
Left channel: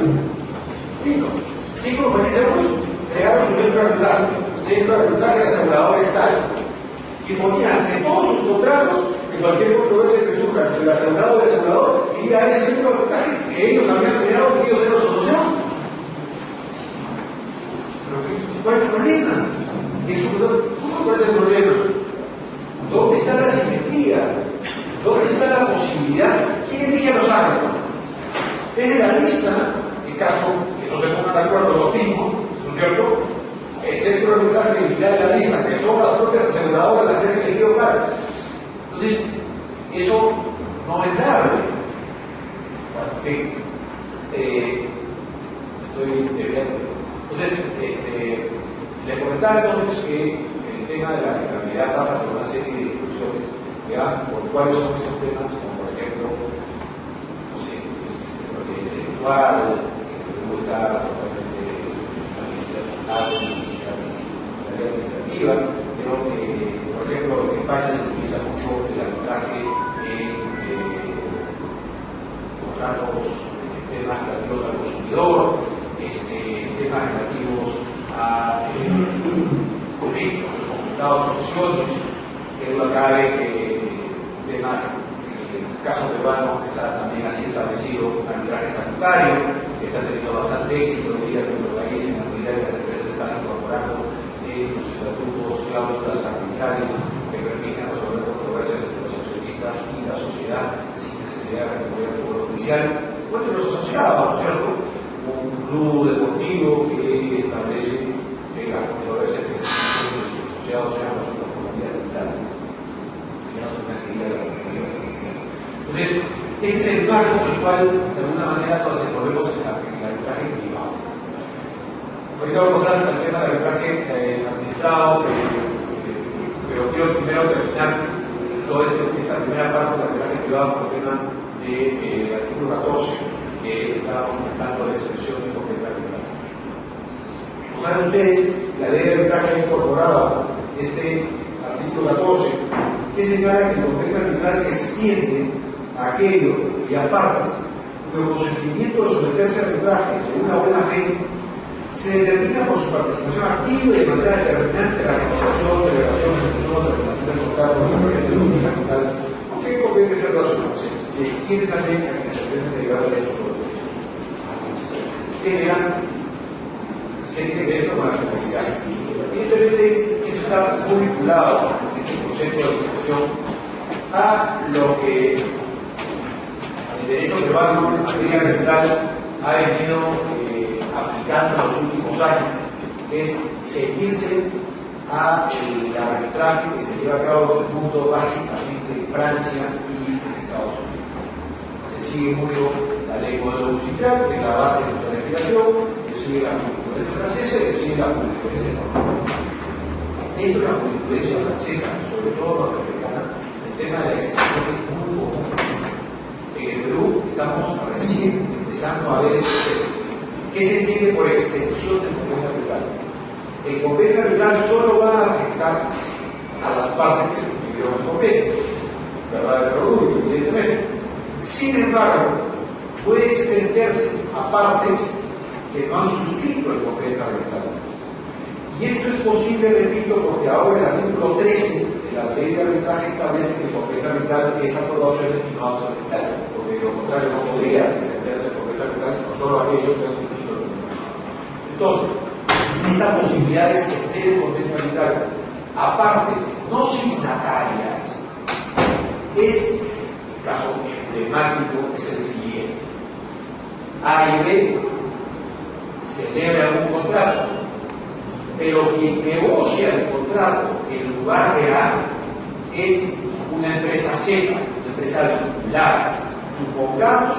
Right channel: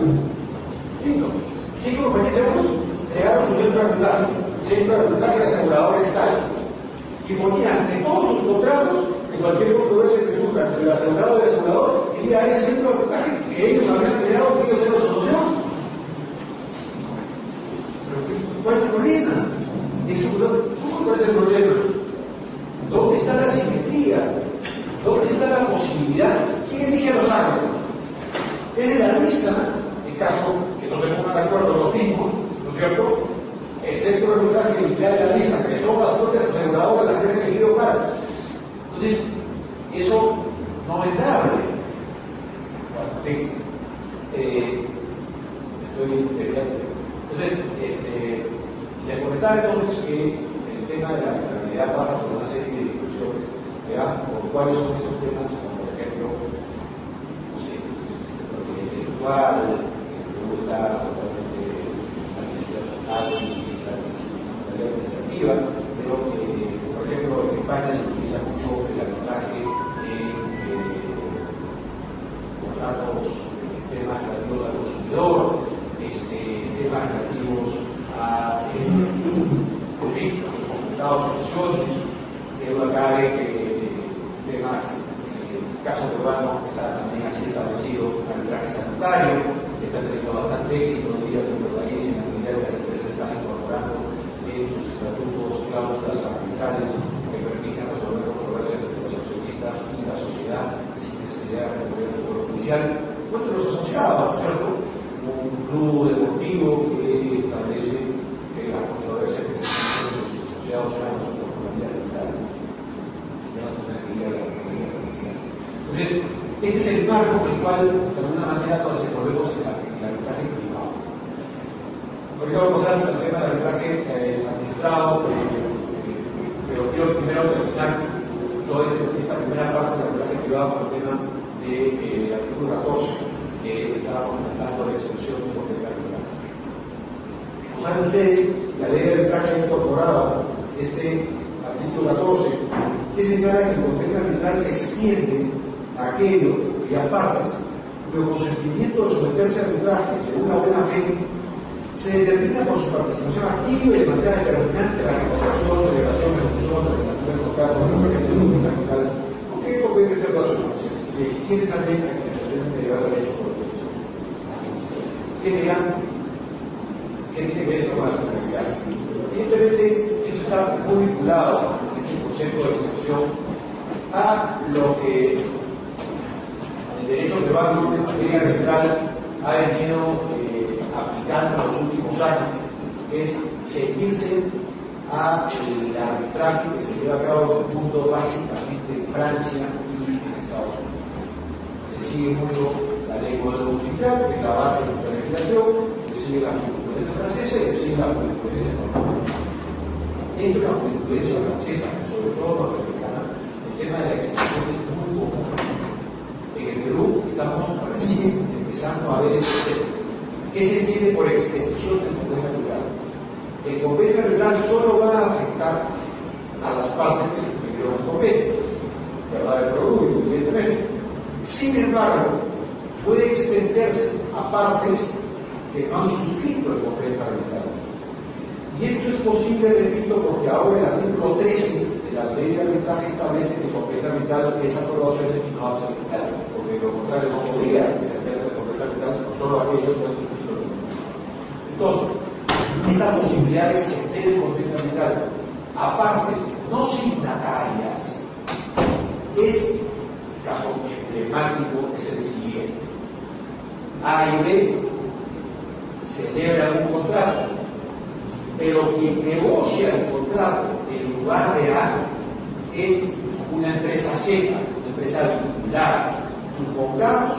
Listo. 5 compañías de seguros crearon su centro de arbitraje de aseguradores tal. Y ponían en todos sus contratos que cualquier controversia que surja entre el asegurado y el asegurador iría a ese centro de arbitraje que ellos habían creado, que ellos eran los asociados. ¿Cuál es el problema? ¿Cuál es el problema? ¿Dónde está la simetría? ¿Dónde está la posibilidad? ¿Quién elige a los árbitros? Es de la lista, en caso que no se pongan de acuerdo los mismos, ¿no es cierto? El centro de arbitraje elegirá de la lista, que son las propias aseguradoras las que han elegido cara. Entonces, eso no es dable. Entonces, les comentaba entonces que el tema de la arbitrabilidad pasa por una serie de discusiones, ¿ya? Por cuáles son estos temas, como por ejemplo, no sé, propiedad intelectual, luego está totalmente administrativa, pero por ejemplo en España se utiliza mucho el arbitraje en contratos, temas relativos al consumidor, temas relativos a conflictos, comunicados, asociaciones, que duda cabe que temas, en el caso peruano está también así establecido, arbitraje estatutario, que está teniendo bastante éxito, diría que nuestro país en la medida que las empresas están incorporando en sus estatutos cláusulas arbitrales que permitan resolver controversias entre los accionistas y la sociedad sin necesidad de recurrir al poder judicial, o entre los asociados, ¿no es cierto? Un club deportivo que establece que las controversias que se tienen entre sus asociados sean resueltas por la vía arbitral. Ya no tendrá que ir a la judicial. Entonces, este es el marco en el cual, de alguna manera, nos desenvolvemos en el arbitraje privado. Ahorita vamos a hablar del tema del arbitraje administrado, pero quiero primero terminar toda esta primera parte del arbitraje privado con el tema del artículo 14, que estaba comentando la extensión de convenio arbitral. Como saben ustedes, la ley de arbitraje ha incorporado este artículo 14, que señala que el convenio arbitral se extiende a aquellos y a partes cuyo consentimiento de someterse a arbitraje según la buena fe se determina por su participación activa y de manera determinante en la negociación, celebración, ejecución, terminación del contrato, la convenio arbitral, aunque el convenio internacional se extiende también a quienes se deben derivar derechos sobre los mismos. ¿Qué dirán? ¿Qué tiene que ver esto con la complejidad? Evidentemente, esto está muy vinculado, este concepto de discusión, a lo que el derecho peruano en materia arbitral ha venido aplicando en los últimos años, que es seguirse a el arbitraje que se lleva a cabo en el mundo básicamente en Francia y en Estados Unidos. Se sigue mucho la ley Código Industrial, que es la base de nuestra legislación, se sigue la jurisprudencia francesa y se sigue la jurisprudencia norteamericana. Dentro de la jurisprudencia francesa, sobre todo norteamericana, el tema de la extensión es muy común. En el Perú estamos recién empezando a ver estos temas. ¿Qué se entiende por extensión del convenio arbitral? El convenio arbitral solo va a afectar a las partes que suscribieron el convenio, ¿verdad? El Perú, evidentemente, primero. Sin embargo, puede extenderse a partes que no han suscrito el convenio arbitral. Y esto es posible, repito, porque ahora el artículo 13 de la ley de arbitraje establece que el convenio arbitral es aprobación y no absoluta, porque de lo contrario no podría extenderse el convenio arbitral sino solo a aquellos que han suscrito el convenio. Entonces, esta posibilidad de extender el convenio arbitral a partes no signatarias es, el caso emblemático es el siguiente: A y B celebran un contrato, pero quien negocia el contrato en lugar de A es una empresa Z, una empresa vinculada, supongamos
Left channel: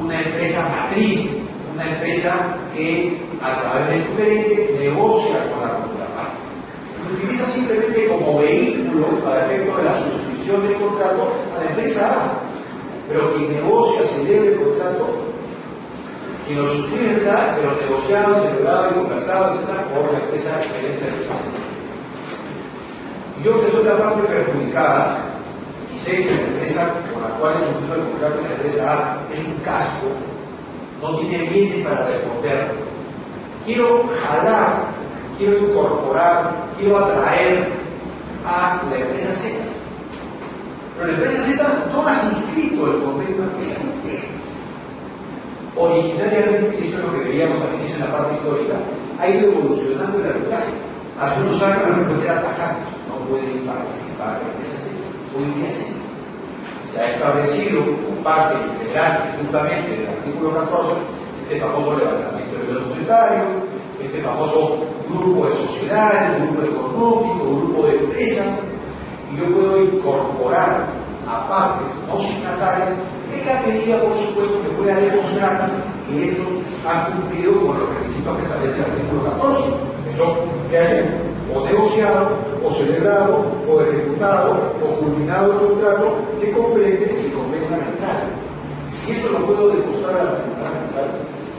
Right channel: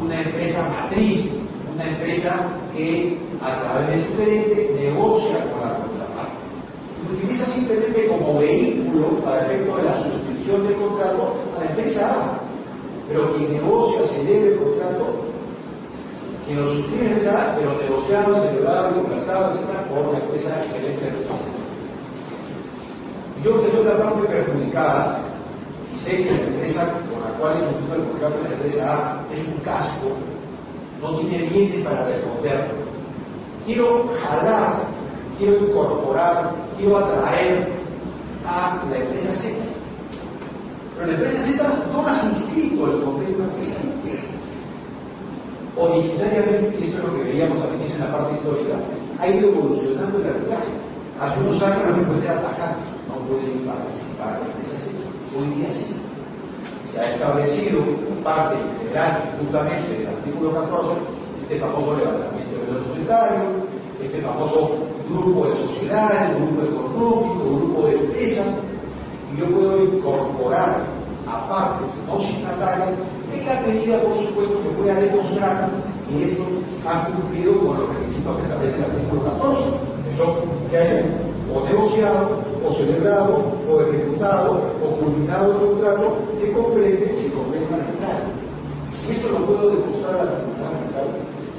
una empresa matriz, una empresa que a través de su gerente negocia con la contraparte. Lo utiliza simplemente como vehículo para efecto de la suscripción del contrato a la empresa A, pero quien negocia, celebra el contrato, quien lo suscribe es verdad, pero negociado, celebrado y conversado, etc., por la empresa gerente de esa. Yo, que soy la parte perjudicada y sé que la empresa con la cual he suscrito el contrato de la empresa A es un casco, no tiene bienes para responder. Quiero jalar, quiero incorporar, quiero atraer a la empresa Z. Pero la empresa Z no ha suscrito el convenio arbitral. Originariamente, y esto es lo que veíamos al inicio en la parte histórica, ha ido evolucionando el arbitraje. Hace unos años la respuesta era tajante: no pueden participar en la empresa Z. Hoy día sí. Se ha establecido como parte integral justamente del artículo 14 este famoso levantamiento de los societarios, este famoso grupo de sociedades, grupo económico, grupo de empresas, y yo puedo incorporar a partes no signatarias en la medida, por supuesto, que pueda demostrar que estos han cumplido con los requisitos que establece el artículo 14, que son que hayan o negociado, o celebrado, o ejecutado, o culminado el contrato que comprende el convenio arbitral. Si eso lo puedo demostrar al tribunal arbitral,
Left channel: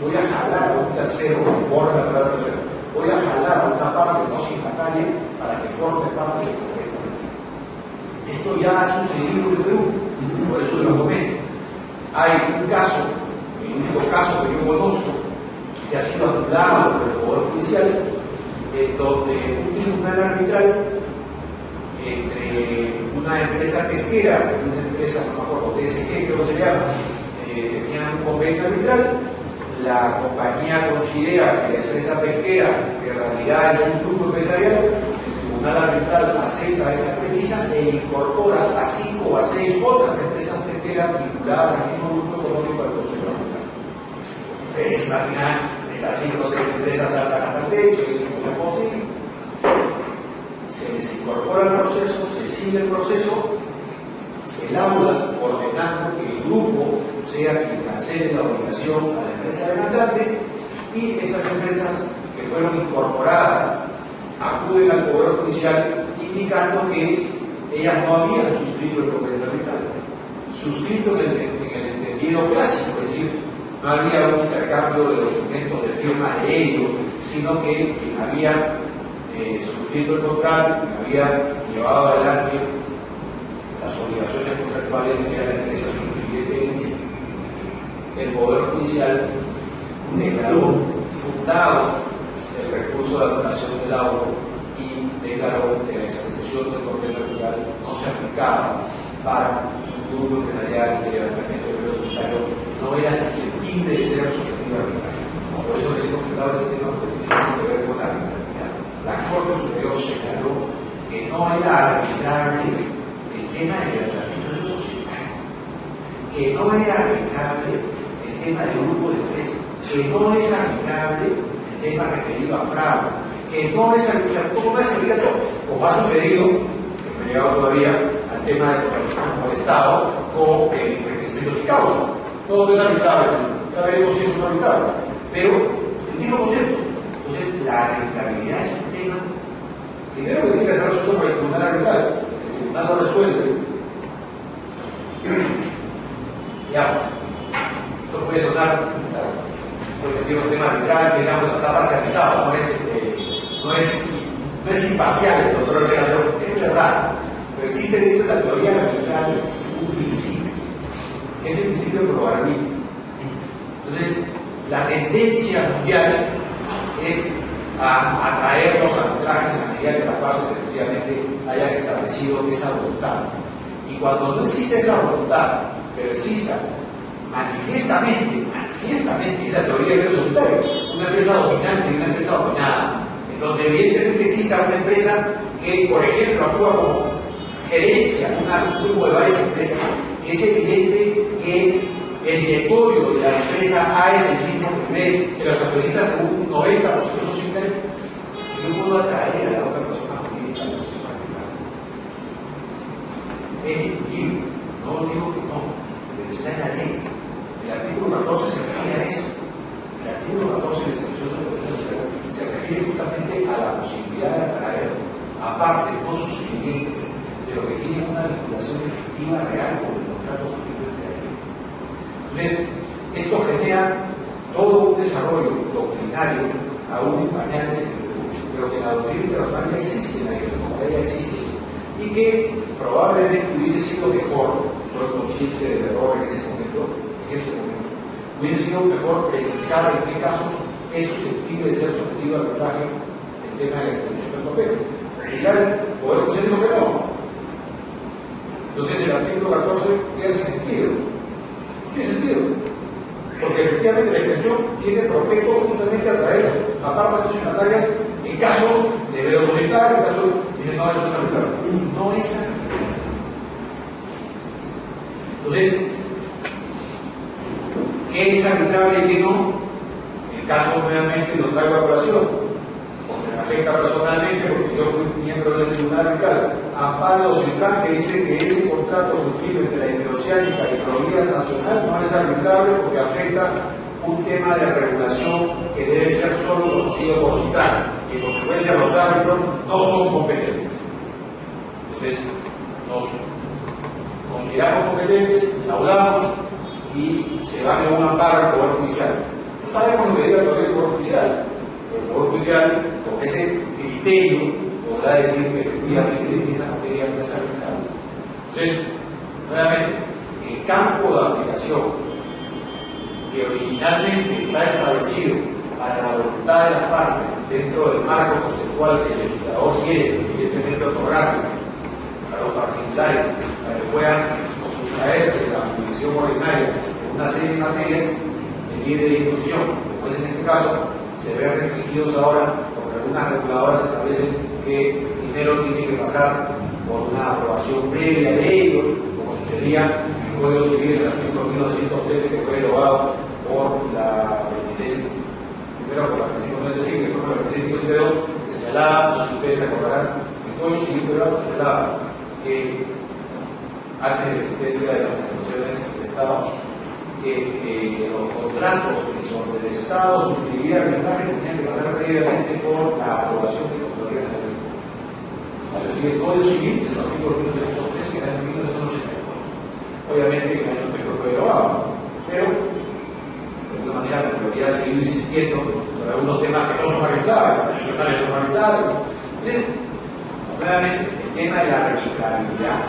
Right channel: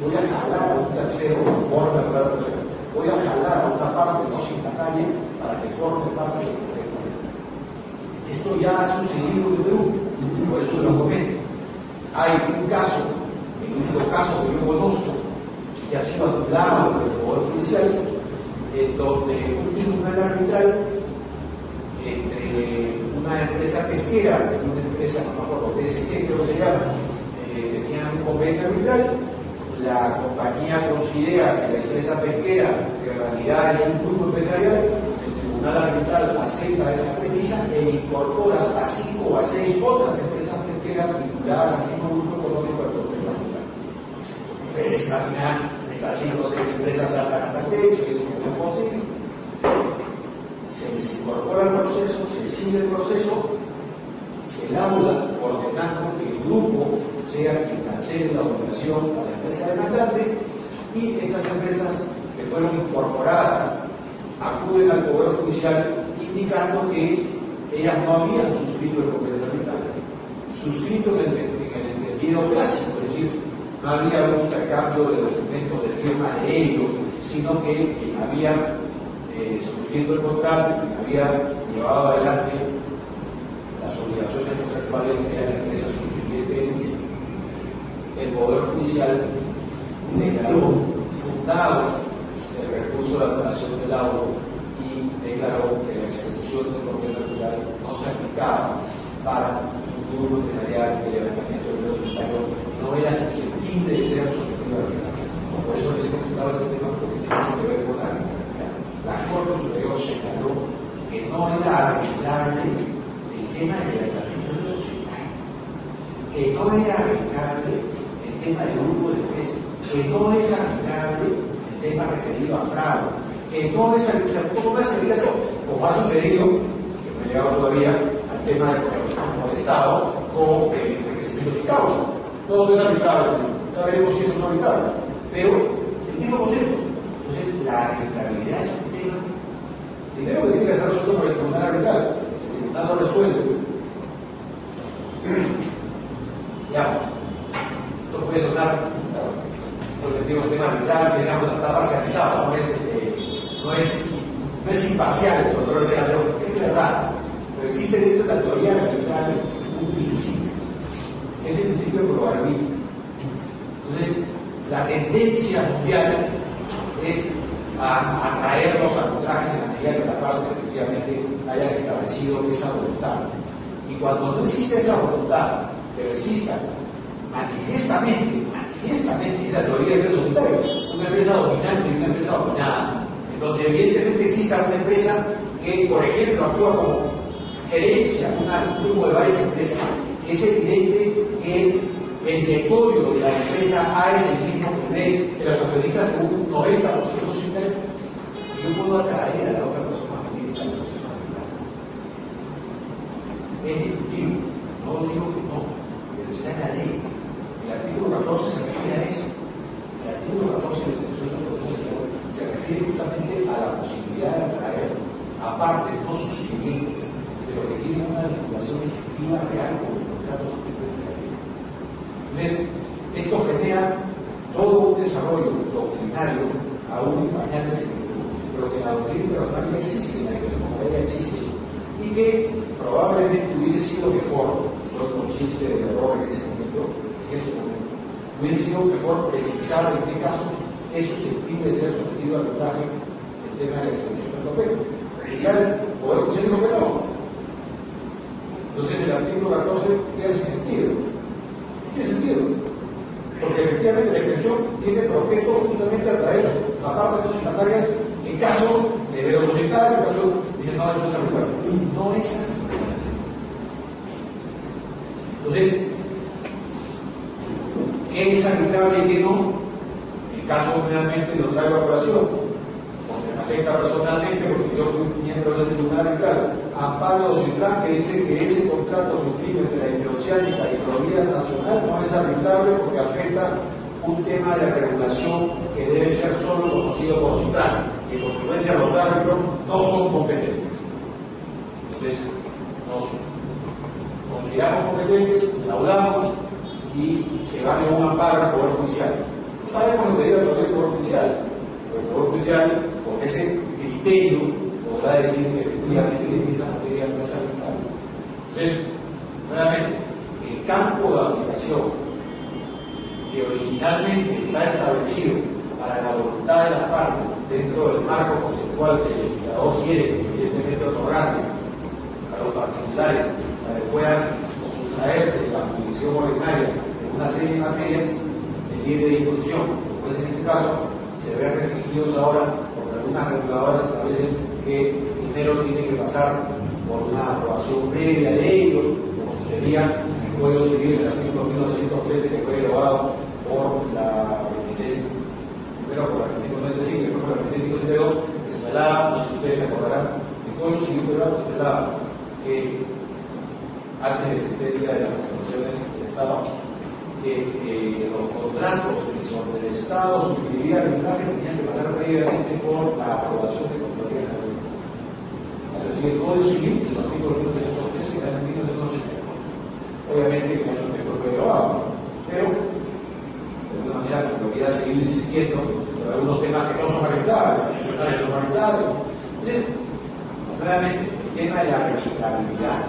voy a jalar a un tercero, por la palabra tercero, voy a jalar a una parte no signataria para que forme parte del convenio arbitral. Esto ya ha sucedido en Perú, por eso lo comento. Hay un caso, el único caso que yo conozco, que ha sido anulado por el Poder Judicial, en donde un tribunal arbitral entre una empresa pesquera y una empresa, no me acuerdo, TSG, creo que se llama, tenían un convenio arbitral. La compañía considera que la empresa pesquera, que en realidad es un grupo empresarial, el tribunal arbitral acepta esa premisa e incorpora a 5 o a 6 otras empresas pesqueras vinculadas al mismo grupo económico al proceso arbitral. Ustedes imaginan estas 5 o 6 empresas saltan hasta el techo, y es muy posible. Se les incorpora el proceso, se sigue el proceso, se lauda ordenando que el grupo sea quien cancele la obligación a la empresa demandante, y estas empresas que fueron incorporadas acuden al Poder Judicial indicando que ellas no habían suscrito el convenio arbitral, suscrito en el entendido clásico, es decir, no había un intercambio de documentos de firma de ellos, sino que quien había suscrito el contrato, quien había llevado adelante las obligaciones contractuales que era la empresa suscribiente, el Poder Judicial declaró fundado el recurso de anulación del laudo y declaró que la exención del convenio arbitral no se aplicaba para un grupo empresarial de levantamiento de ingresos societarios, no era susceptible de ser sometido a arbitraje. Por eso les he comentado ese tema, porque tiene mucho que ver con la arbitrariedad. La Corte Superior señaló que no era arbitrable el tema del levantamiento de ingresos societarios, que no era arbitrable el tema del grupo de empresas, que no es arbitrable el tema referido a fraude, que no es arbitrable, ¿cómo es arbitrable? Como ha sucedido, que no ha llegado todavía al tema de como Estado, con requerimientos y causa. Todo es arbitrable, ya veremos si eso es arbitrable, pero el mismo concepto. Entonces, la arbitrabilidad es un tema, primero que tiene que ser resuelto por el tribunal arbitral. El tribunal lo resuelve. Ya, esto puede sonar, porque tiene un tema arbitral que digamos, está parcializado, no es imparcial el control del senador, es verdad, pero existe dentro de la teoría arbitral un principio. que es el principio de probabilidad. Entonces, la tendencia mundial es a atraer los arbitrajes en la medida que las partes efectivamente hayan establecido esa voluntad. Y cuando no existe esa voluntad, pero exista manifiestamente, es la teoría del solitario, una empresa dominante y una empresa dominada, en donde evidentemente exista una empresa que, por ejemplo, actúa como gerencia, un grupo de varias empresas, es evidente que el directorio de la empresa A es el mismo nivel que los accionistas, según un 90% son similares. Yo puedo atraer a la otra persona jurídica al proceso arbitral. Es discutible, no digo que no, pero está en la ley. El artículo 14 se refiere a eso. El artículo 14 de la Constitución de Autonomía se refiere justamente a la posibilidad de atraer a partes no suscribientes de lo que tiene una vinculación efectiva real con el contrato suscrito entre ellos. Entonces, esto genera todo un desarrollo doctrinario aún en pañales en el futuro, pero que la doctrina internacional ya existe, la iglesia como ya existe, y que probablemente hubiese sido mejor, soy consciente del error en este momento, hubiese sido mejor precisar en qué casos es susceptible de ser sometido al arbitraje el tema de la extensión del papel. En realidad, poder decir lo que no. Entonces, el artículo 14 tiene sentido. Tiene sentido. Porque efectivamente la extensión tiene por objeto justamente atraer a partes consignatarias en caso de velo solitario, en caso de no es arbitrario. No es arbitrario. Entonces, ¿qué es arbitrable y qué no? El caso nuevamente lo traigo a colación, porque me afecta personalmente, porque yo fui miembro de ese tribunal arbitral. Amparo Citrán, que dice que ese contrato suscrito entre la Interoceánica y Providas Nacional no es arbitrable porque afecta un tema de regulación que debe ser solo conocido por Citrán, y en consecuencia los árbitros no son competentes. Entonces, nos consideramos competentes, laudamos y se va a un amparo al Poder Judicial. No sabemos lo que diga el Poder Judicial, pero el Poder Judicial, con ese criterio, podrá decir que efectivamente esa materia no es arbitrable. Entonces, nuevamente, el campo de aplicación que originalmente está establecido para la voluntad de las partes dentro del marco conceptual que el legislador quiere, evidentemente, otorgar a los particulares para que puedan sustraerse de la jurisdicción ordinaria en una serie de materias de libre disposición, pues en este caso se ven restringidos ahora porque algunas reguladoras establecen que primero tiene que pasar por una aprobación previa de ellos, como sucedía en el Código Civil en el artículo 1913, que fue derogado por la 26, primero por la 2595 y después por la 2652, que señalaba, no sé si ustedes se acordarán, el Código Civil peruano señalaba que antes de la existencia de las constituciones del Estado, que los contratos donde el Estado suscribía arbitraje tenían que pasar previamente por la aprobación de Contraloría General. Es decir, el Código Civil, en su artículo 1903, que era en 1984. Obviamente, el año anterior fue derogado, pero de alguna manera la Contraloría ha seguido insistiendo sobre algunos temas que no son arbitrables, adicionales no son arbitrables. Entonces, nuevamente, el tema de la arbitrabilidad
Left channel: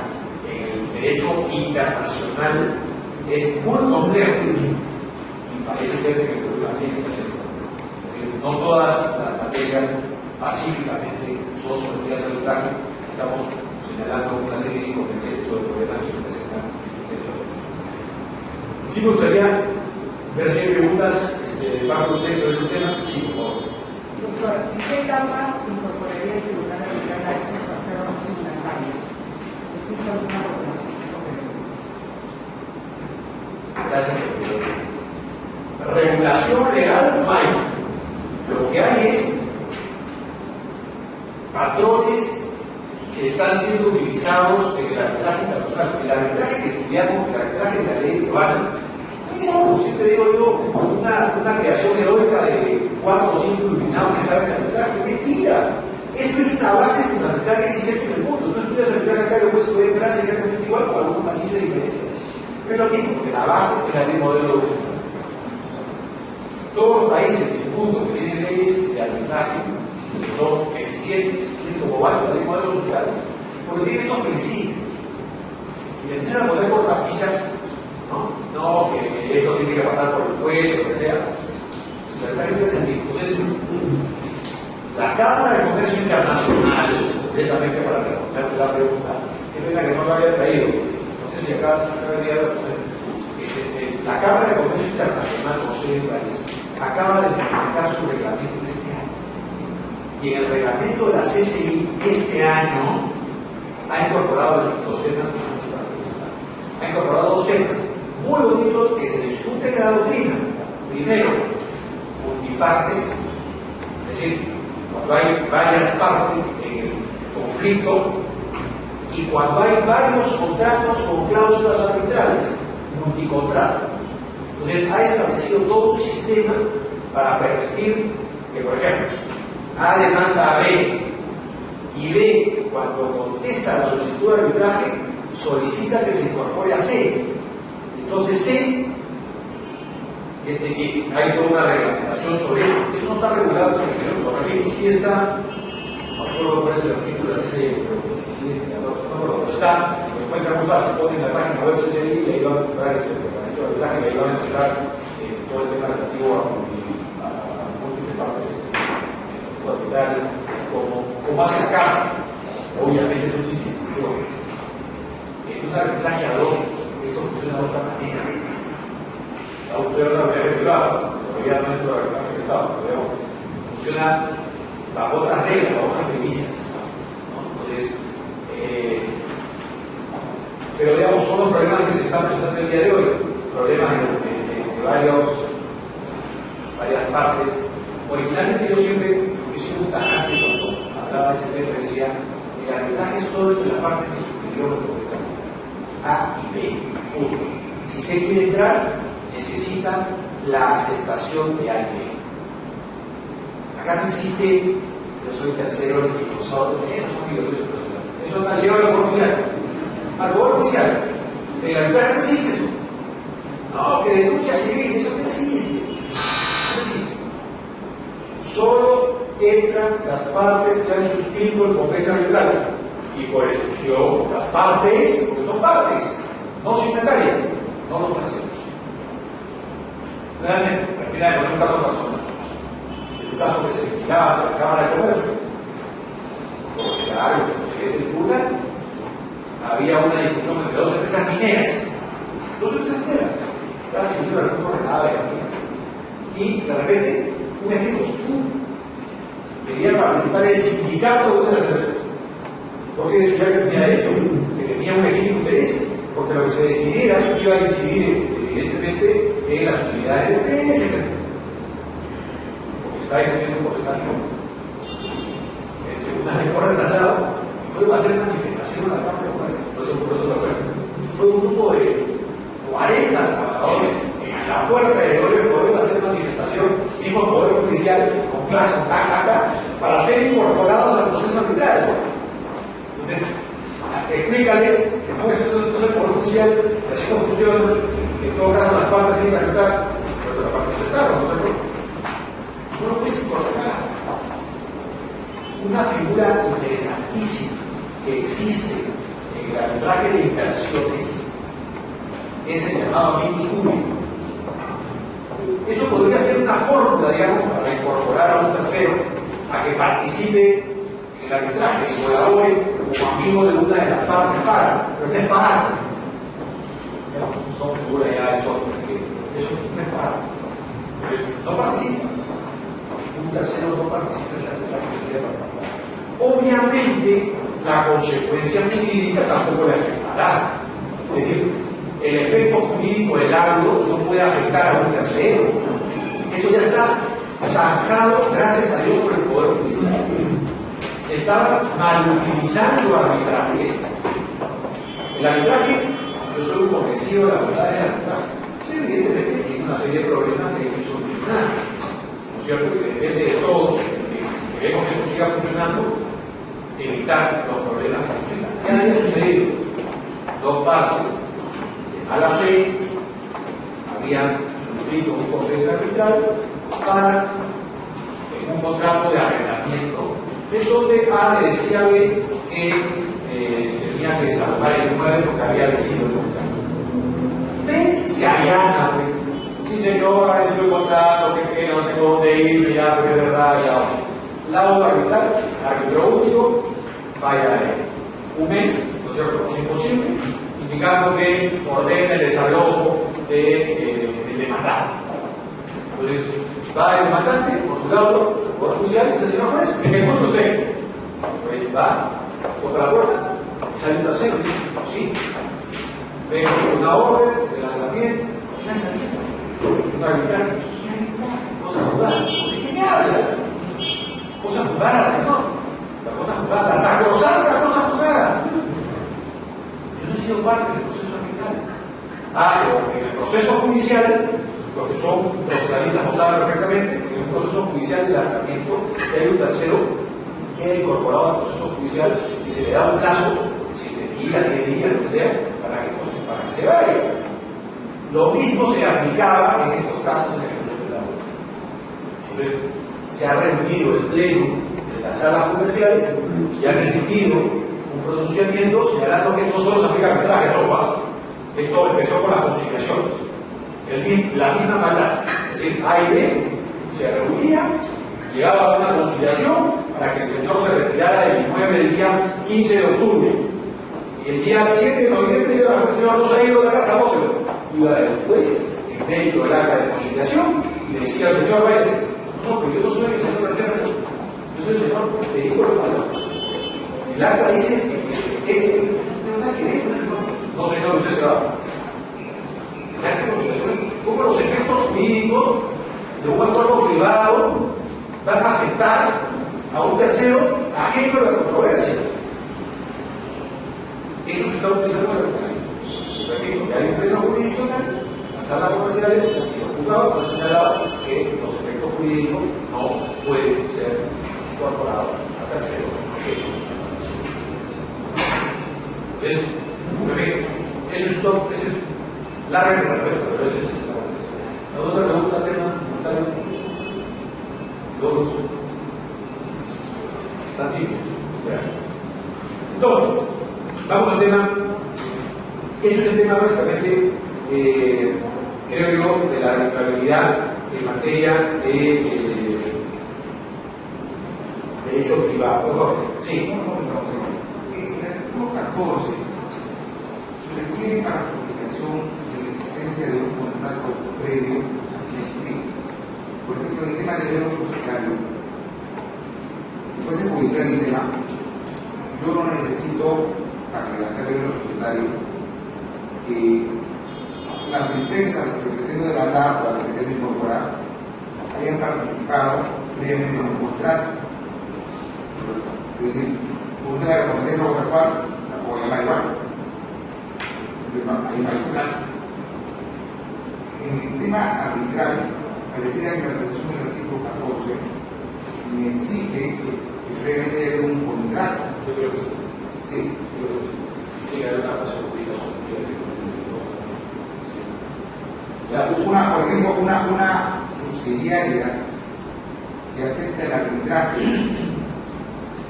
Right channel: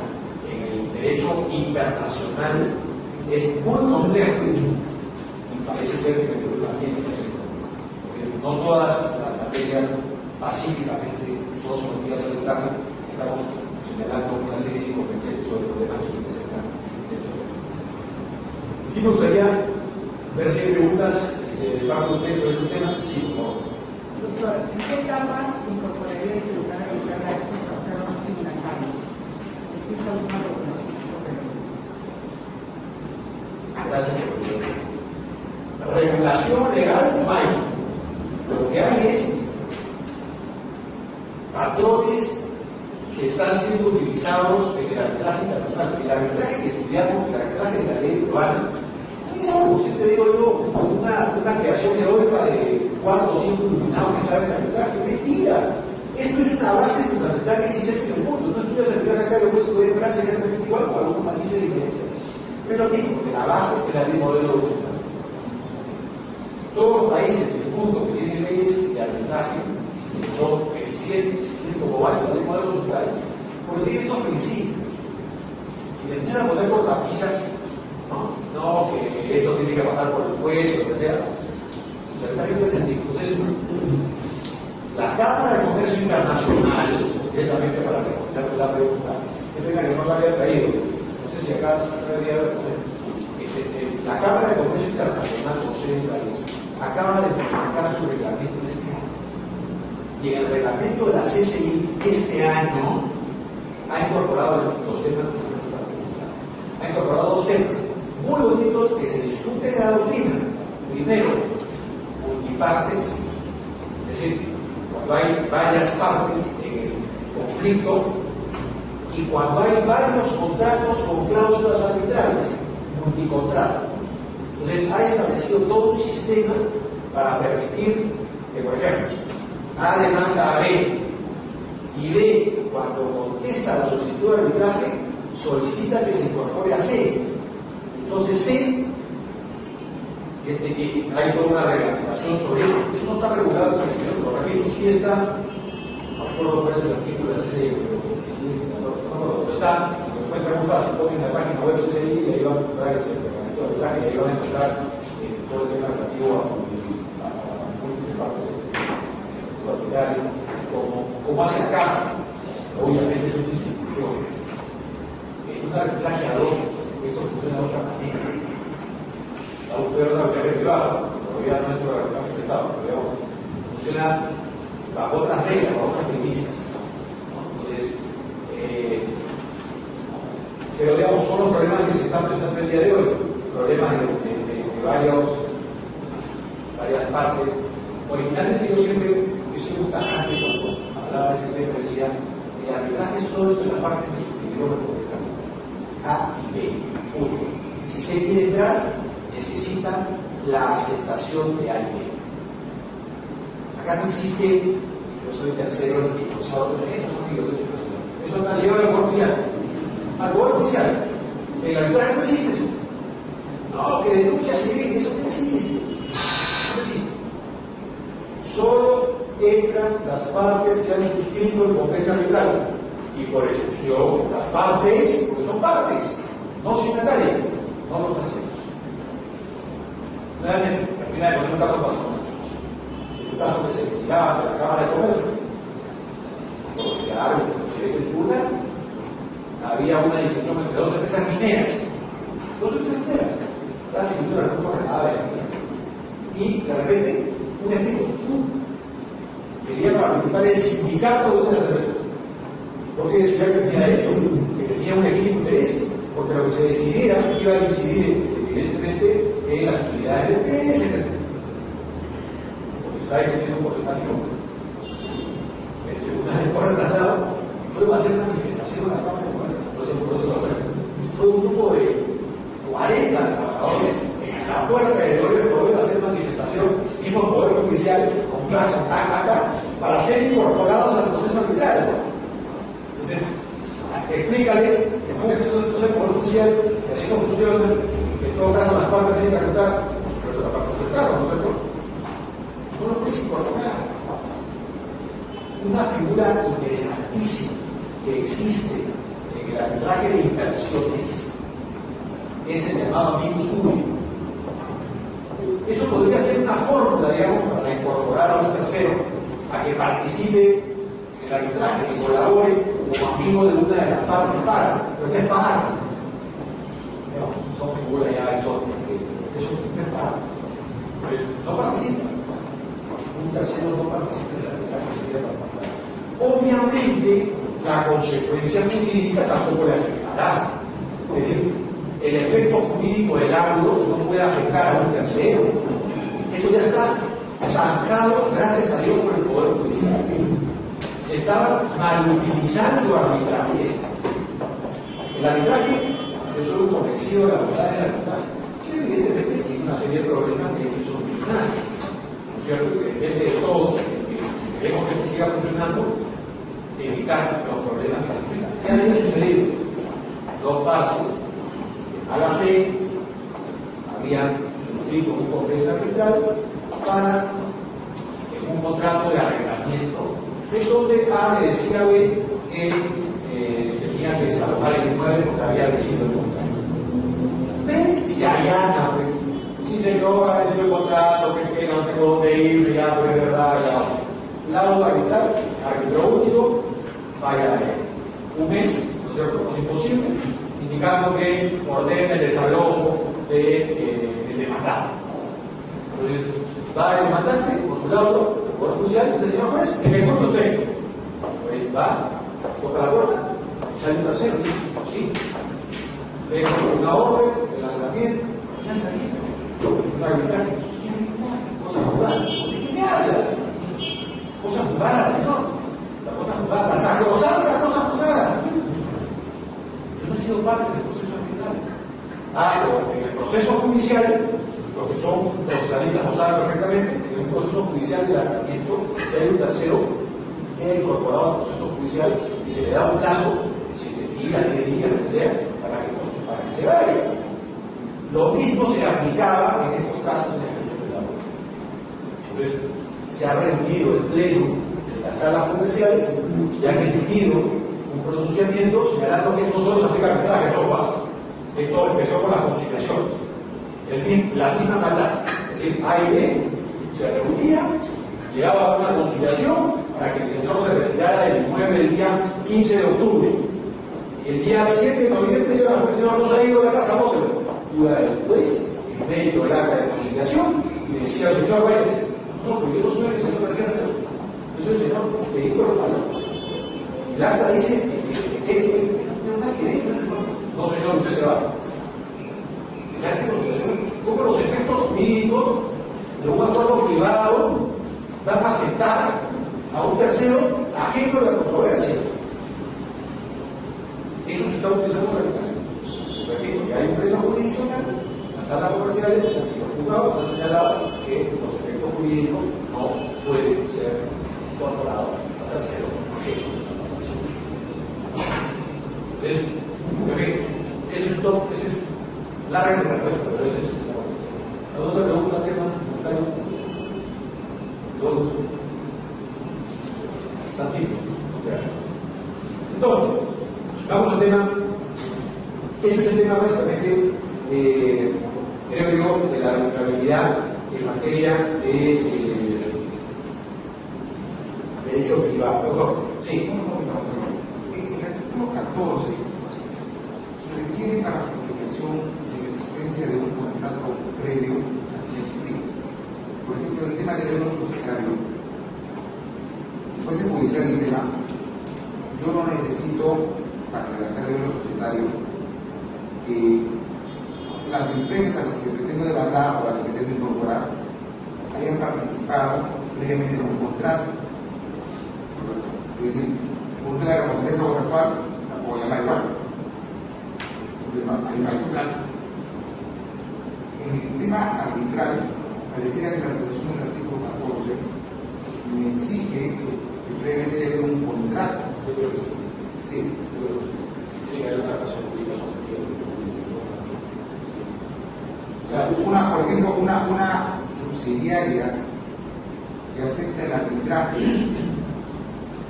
en el derecho internacional es muy complejo y parece ser que el Perú también está siendo complejo. Es decir, no todas las materias pacíficamente son sometidas al arbitraje. Estamos señalando una serie de inconvenientes sobre problemas que se presentan dentro del país. Sí me gustaría ver si hay preguntas de parte de ustedes sobre estos temas. Sí, por favor. Doctor, ¿en qué etapa incorporaría el tribunal arbitral a estos procesos tribunales? ¿Existe alguna regulación sobre ello? Gracias. Regulación legal no hay. Lo que hay es patrones que están siendo utilizados en el arbitraje internacional. El arbitraje que estudiamos, el arbitraje de la ley peruana, es, como siempre digo yo, una creación heroica de 4 o 5 iluminados que saben arbitraje. Mentira. Esto es una base fundamental que existe en el mundo. Tú estudias arbitraje acá, lo puedes estudiar en Francia exactamente igual, con algunos matices de diferencia. Pero lo mismo, porque la base es la ley modelo doctrinal. Todos los países del mundo que tienen leyes de arbitraje, que son eficientes, tienen como base la ley modelo doctrinal, porque tienen estos principios. Si le empiezan a poner cortapisas, ¿no? no, que esto tiene que pasar por el juez, lo que sea. La arbitraje tiene sentido. Entonces, la Cámara de Comercio Internacional, concretamente para responder la pregunta, que pena que no lo había traído, no sé si acá debería responder. La Cámara de Comercio Internacional, con sede en París, acaba de modificar su reglamento este año. Y en el reglamento de la CCI este año ha incorporado los temas que nos están preguntando. Ha incorporado dos temas muy bonitos que se discuten en la doctrina. Primero, multipartes, es decir, cuando hay varias partes en el conflicto y cuando hay varios contratos con cláusulas arbitrales, multicontratos. Entonces ha establecido todo un sistema para permitir que, por ejemplo, A demanda a B y B, cuando contesta la solicitud de arbitraje, solicita que se incorpore a C. Entonces C, hay toda una reglamentación sobre eso. Eso no está regulado, lo repito, sí está, no recuerdo cuál es el artículo de la CCI, pero sí, no recuerdo, pero está, lo encuentra muy fácil, ponen en la página web CCI y ahí van a encontrar ese reglamento de arbitraje y ahí van a encontrar todo el tema relativo a múltiples partes de arbitraje, como hace la Cámara. Obviamente es una institución. Un arbitraje ad hoc, esto funciona de otra manera. La autoridad de la propiedad privada, todavía no dentro del arbitraje del Estado, pero funciona bajo otras reglas, bajo otras premisas. ¿No? Entonces, pero digamos, son los problemas que se están presentando el día de hoy, problemas de varias partes. Originalmente yo siempre hice un tajante cuando hablaba de este tema, decía, el arbitraje es solo entre la parte que suscribieron A y B. Punto. Si se quiere entrar, necesita la aceptación de A y B. Acá no existe, yo soy tercero, el impulsador de eso está llevado al Poder Judicial. Al Poder Judicial. En el arbitraje no existe eso. No, que denuncia civil, eso no existe. No existe. Solo entran las partes que han suscrito el convenio arbitral. Y por excepción, las partes, porque son partes, no signatarias, no los terceros. Nuevamente, terminar con un caso personal. En un caso que se litigaba ante la Cámara de Comercio, porque la área del presidente del tribunal, había una discusión entre dos empresas mineras. Dos empresas mineras. Cada que yo recurso relada de la mina. Y de repente, un ejemplo, quería participar en el sindicato de una de las empresas. Porque decía que tenía derecho, que tenía un legítimo interés, porque lo que se decidiera iba a incidir evidentemente en las utilidades del PS, porque se está discutiendo un porcentaje. El tribunal de Corre trasladado fue a hacer manifestación a la Cámara de Comercio. Fue un grupo de 40 trabajadores en la puerta del Poder a hacer manifestación, mismo el Poder Judicial, con plazos, para ser incorporados al proceso arbitral. Entonces, explícales que no es un proceso judicial, así como funciona, que en todo caso las partes tienen que aceptar, pero la parte aceptaron, ¿no es cierto? No lo puedes incorporar. Una figura interesantísima que existe en el arbitraje de inversiones es el llamado amicus curiae. Eso podría ser una fórmula, digamos, para incorporar a un tercero a que participe en el arbitraje, que colabore como amigo de una de las partes para, pero no es para. Son figuras ya, eso no es para. Por eso, no participa. Un tercero no participa en el arbitraje, se quiere participar. Obviamente, la consecuencia jurídica tampoco le afectará. Es decir, el efecto jurídico del árbitro no puede afectar a un tercero. Eso ya está zanjado, gracias a Dios, por el Poder Judicial. Se estaban mal utilizando arbitrajes. El arbitraje, yo soy un convencido de la bondad del arbitraje. Evidentemente tiene una serie de problemas que hay que solucionar. ¿No es cierto? Que depende de todos, si queremos que eso siga funcionando, evitar los problemas que funcionan. ¿Qué había sucedido? Dos partes de mala fe habían suscrito un convenio arbitral para un contrato de arrendamiento, en donde A le decía a B que tenía que desalojar el inmueble porque había vencido el contrato. B se allana, pues. Sí, señora, estoy el contrato, qué pena, no tengo dónde ir, ya, pero es verdad, ya. Laudo arbitral, árbitro único, falla la ley. Un mes, ¿no es cierto? Es imposible, indicando que ordena el desalojo del demandado. Entonces, va el demandante con su laudo, por judicial, y dice, señor juez, ejecute usted. Pues va, toca la puerta, sale un tercero, ¿sí? Vengo con una orden de lanzamiento, un arbitraje, cosa jugada, ¿de qué me habla? Cosa jugada, señor, la cosa jugada, la sacrosanta cosa jugada. Yo no he sido parte del proceso arbitral. Pero en el proceso judicial, los que son procesalistas lo saben perfectamente, en un proceso judicial de lanzamiento, si hay un tercero, queda incorporado al proceso judicial y se le da un plazo, 7 días, 10 días, lo que sea, para que se vaya. Lo mismo se aplicaba en estos casos de ejecución de la ley. Entonces, se ha reunido el pleno de las salas comerciales y han emitido un pronunciamiento señalando que esto no solo se aplica al arbitraje, esto empezó con las conciliaciones. La misma maldad, es decir, A y B se reunían, llegaba a una conciliación para que el señor se retirara del inmueble el día 15 de octubre. Y el día 7 de noviembre iba a señor, vamos a ir a la casa, bótelo. Iba el juez, en mérito del acta de conciliación, y le decía al señor, váyase. No, pero yo no soy el señor García Herrera, yo soy el señor Federico Romano. El acta dice que no nada que ver, no señor, usted se va. El acta de conciliación, ¿cómo los efectos jurídicos de un acuerdo privado van a afectar a un tercero ajeno a la controversia? Eso se está utilizando en la arbitraje. Repito, que hay un pleno jurisdiccional, las salas comerciales y los juzgados han señalado que los efectos jurídicos no pueden ser incorporados a terceros ajenos. Entonces, repito, eso es todo, esa es larga respuesta, pero esa es la respuesta. ¿La otra pregunta, tema? Todos. ¿Están tibios? Entonces, vamos al tema. Ese es el tema básicamente, creo yo, de la arbitrabilidad en materia de derecho privado. ¿Doctor? Sí. En el artículo 14 se requiere para su aplicación de la existencia de un contrato previo a que explique. Por ejemplo, en el tema del derecho societario, si fuese judicial el tema, yo no necesito, para redactar el derecho societario, que las empresas a las que pretendo demandar o a las que pretendo incorporar hayan participado previamente en un contrato. Es decir, usted la recompensa contractual la puedo llamar igual. Entonces, ahí no hay contrato. En el tema arbitral, pareciera que la resolución del artículo 14 me exige que previamente haya habido un contrato. Yo creo que sí. Sí. Yo creo que sí. Tiene que haber una pasión jurídica. O sea, por ejemplo, una subsidiaria que acepta el arbitraje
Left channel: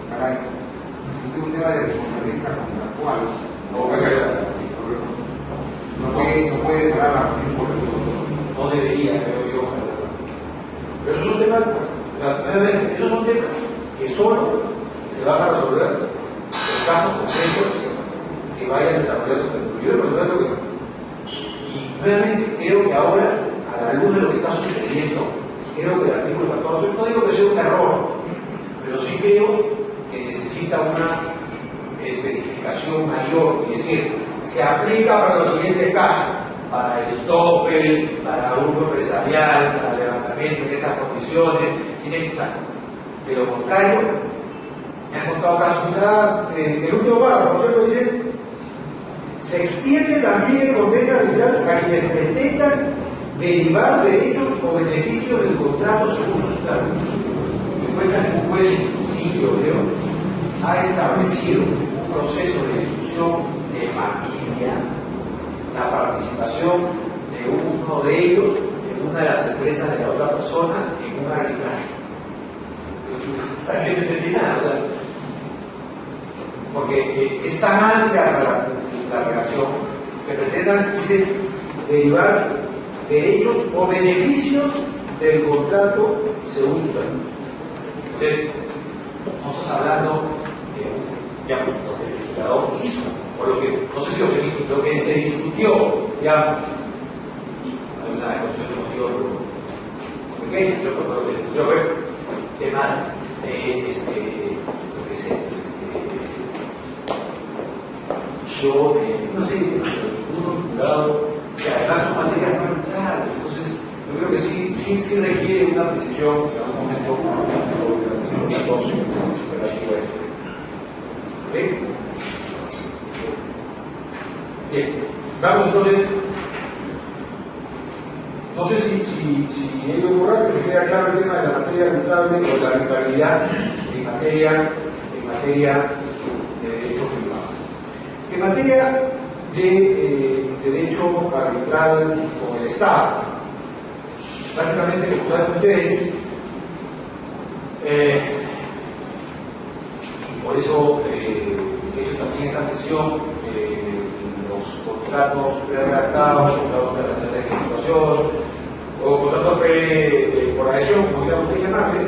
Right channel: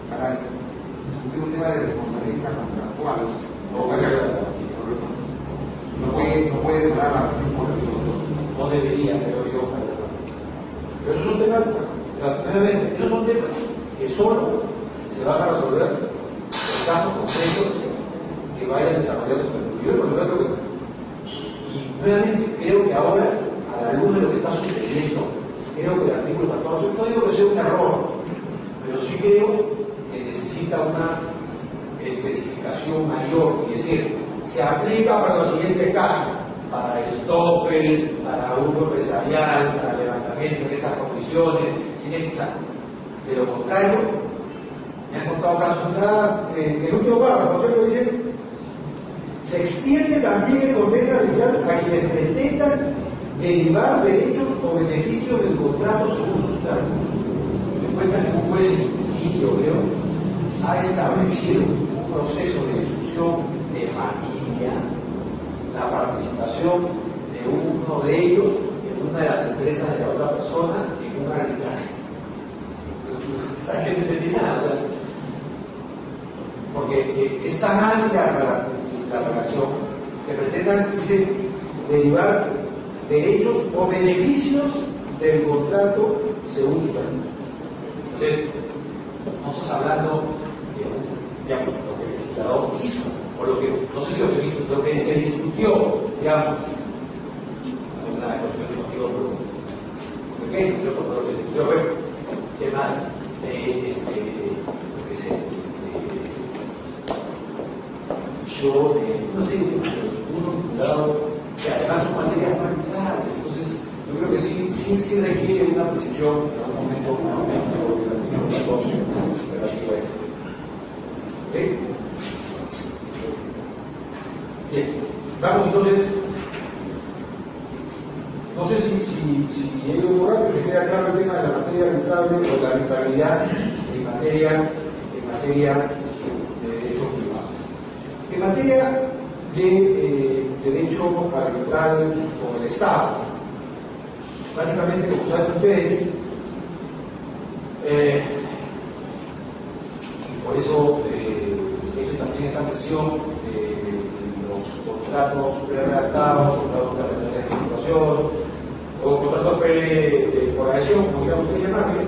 para discutir un tema de responsabilidad contractual, no puede parar la tiempo. No debería, creo yo. Pero esos son temas, que solo se van a resolver en casos concretos que vayan desarrollados en el futuro. Por supuesto que realmente creo que ahora, a la luz de lo que está sucediendo, creo que el artículo 14, no digo que sea un error, pero sí creo que necesita una especificación mayor, es decir, se aplica para los siguientes casos, para el stopper, para grupo empresarial, para el levantamiento de estas condiciones, tiene que de lo contrario, me han contado casos ya, el último párrafo, por ejemplo, dice: se extiende también el convenio arbitral a quienes pretendan derivar derechos o beneficios del contrato según sus términos. Me cuenta que un juez limpio, creo, ha establecido un proceso de discusión de familia, la participación de uno de ellos en una de las empresas de la otra persona en un arbitraje. Esta gente no entendí nada, ¿verdad? Porque es tan amplia la relación que pretendan, dice, derivar derechos o beneficios del contrato según su término. Entonces, no estás hablando de lo que el legislador hizo, o lo que, no sé si lo que se discutió, digamos, hay una cuestión de motivo pequeño, yo por lo que se discutió fue temas de lo que se yo no sé, uno vinculado, que además son materias no arbitrales, entonces yo creo que sí requiere una precisión en algún momento sobre el artículo 14 relativo a esto. ¿Ok? Bien, vamos entonces, no sé si he ido correcto, si queda claro el tema de la materia arbitrable o la arbitrabilidad en materia de derecho privado. En materia de derecho arbitral con el Estado, básicamente, como saben ustedes, y por eso he hecho también esta mención, los contratos pre-redactados, contratos de ejecutación, o contratos por adhesión, como quieran ustedes llamarle,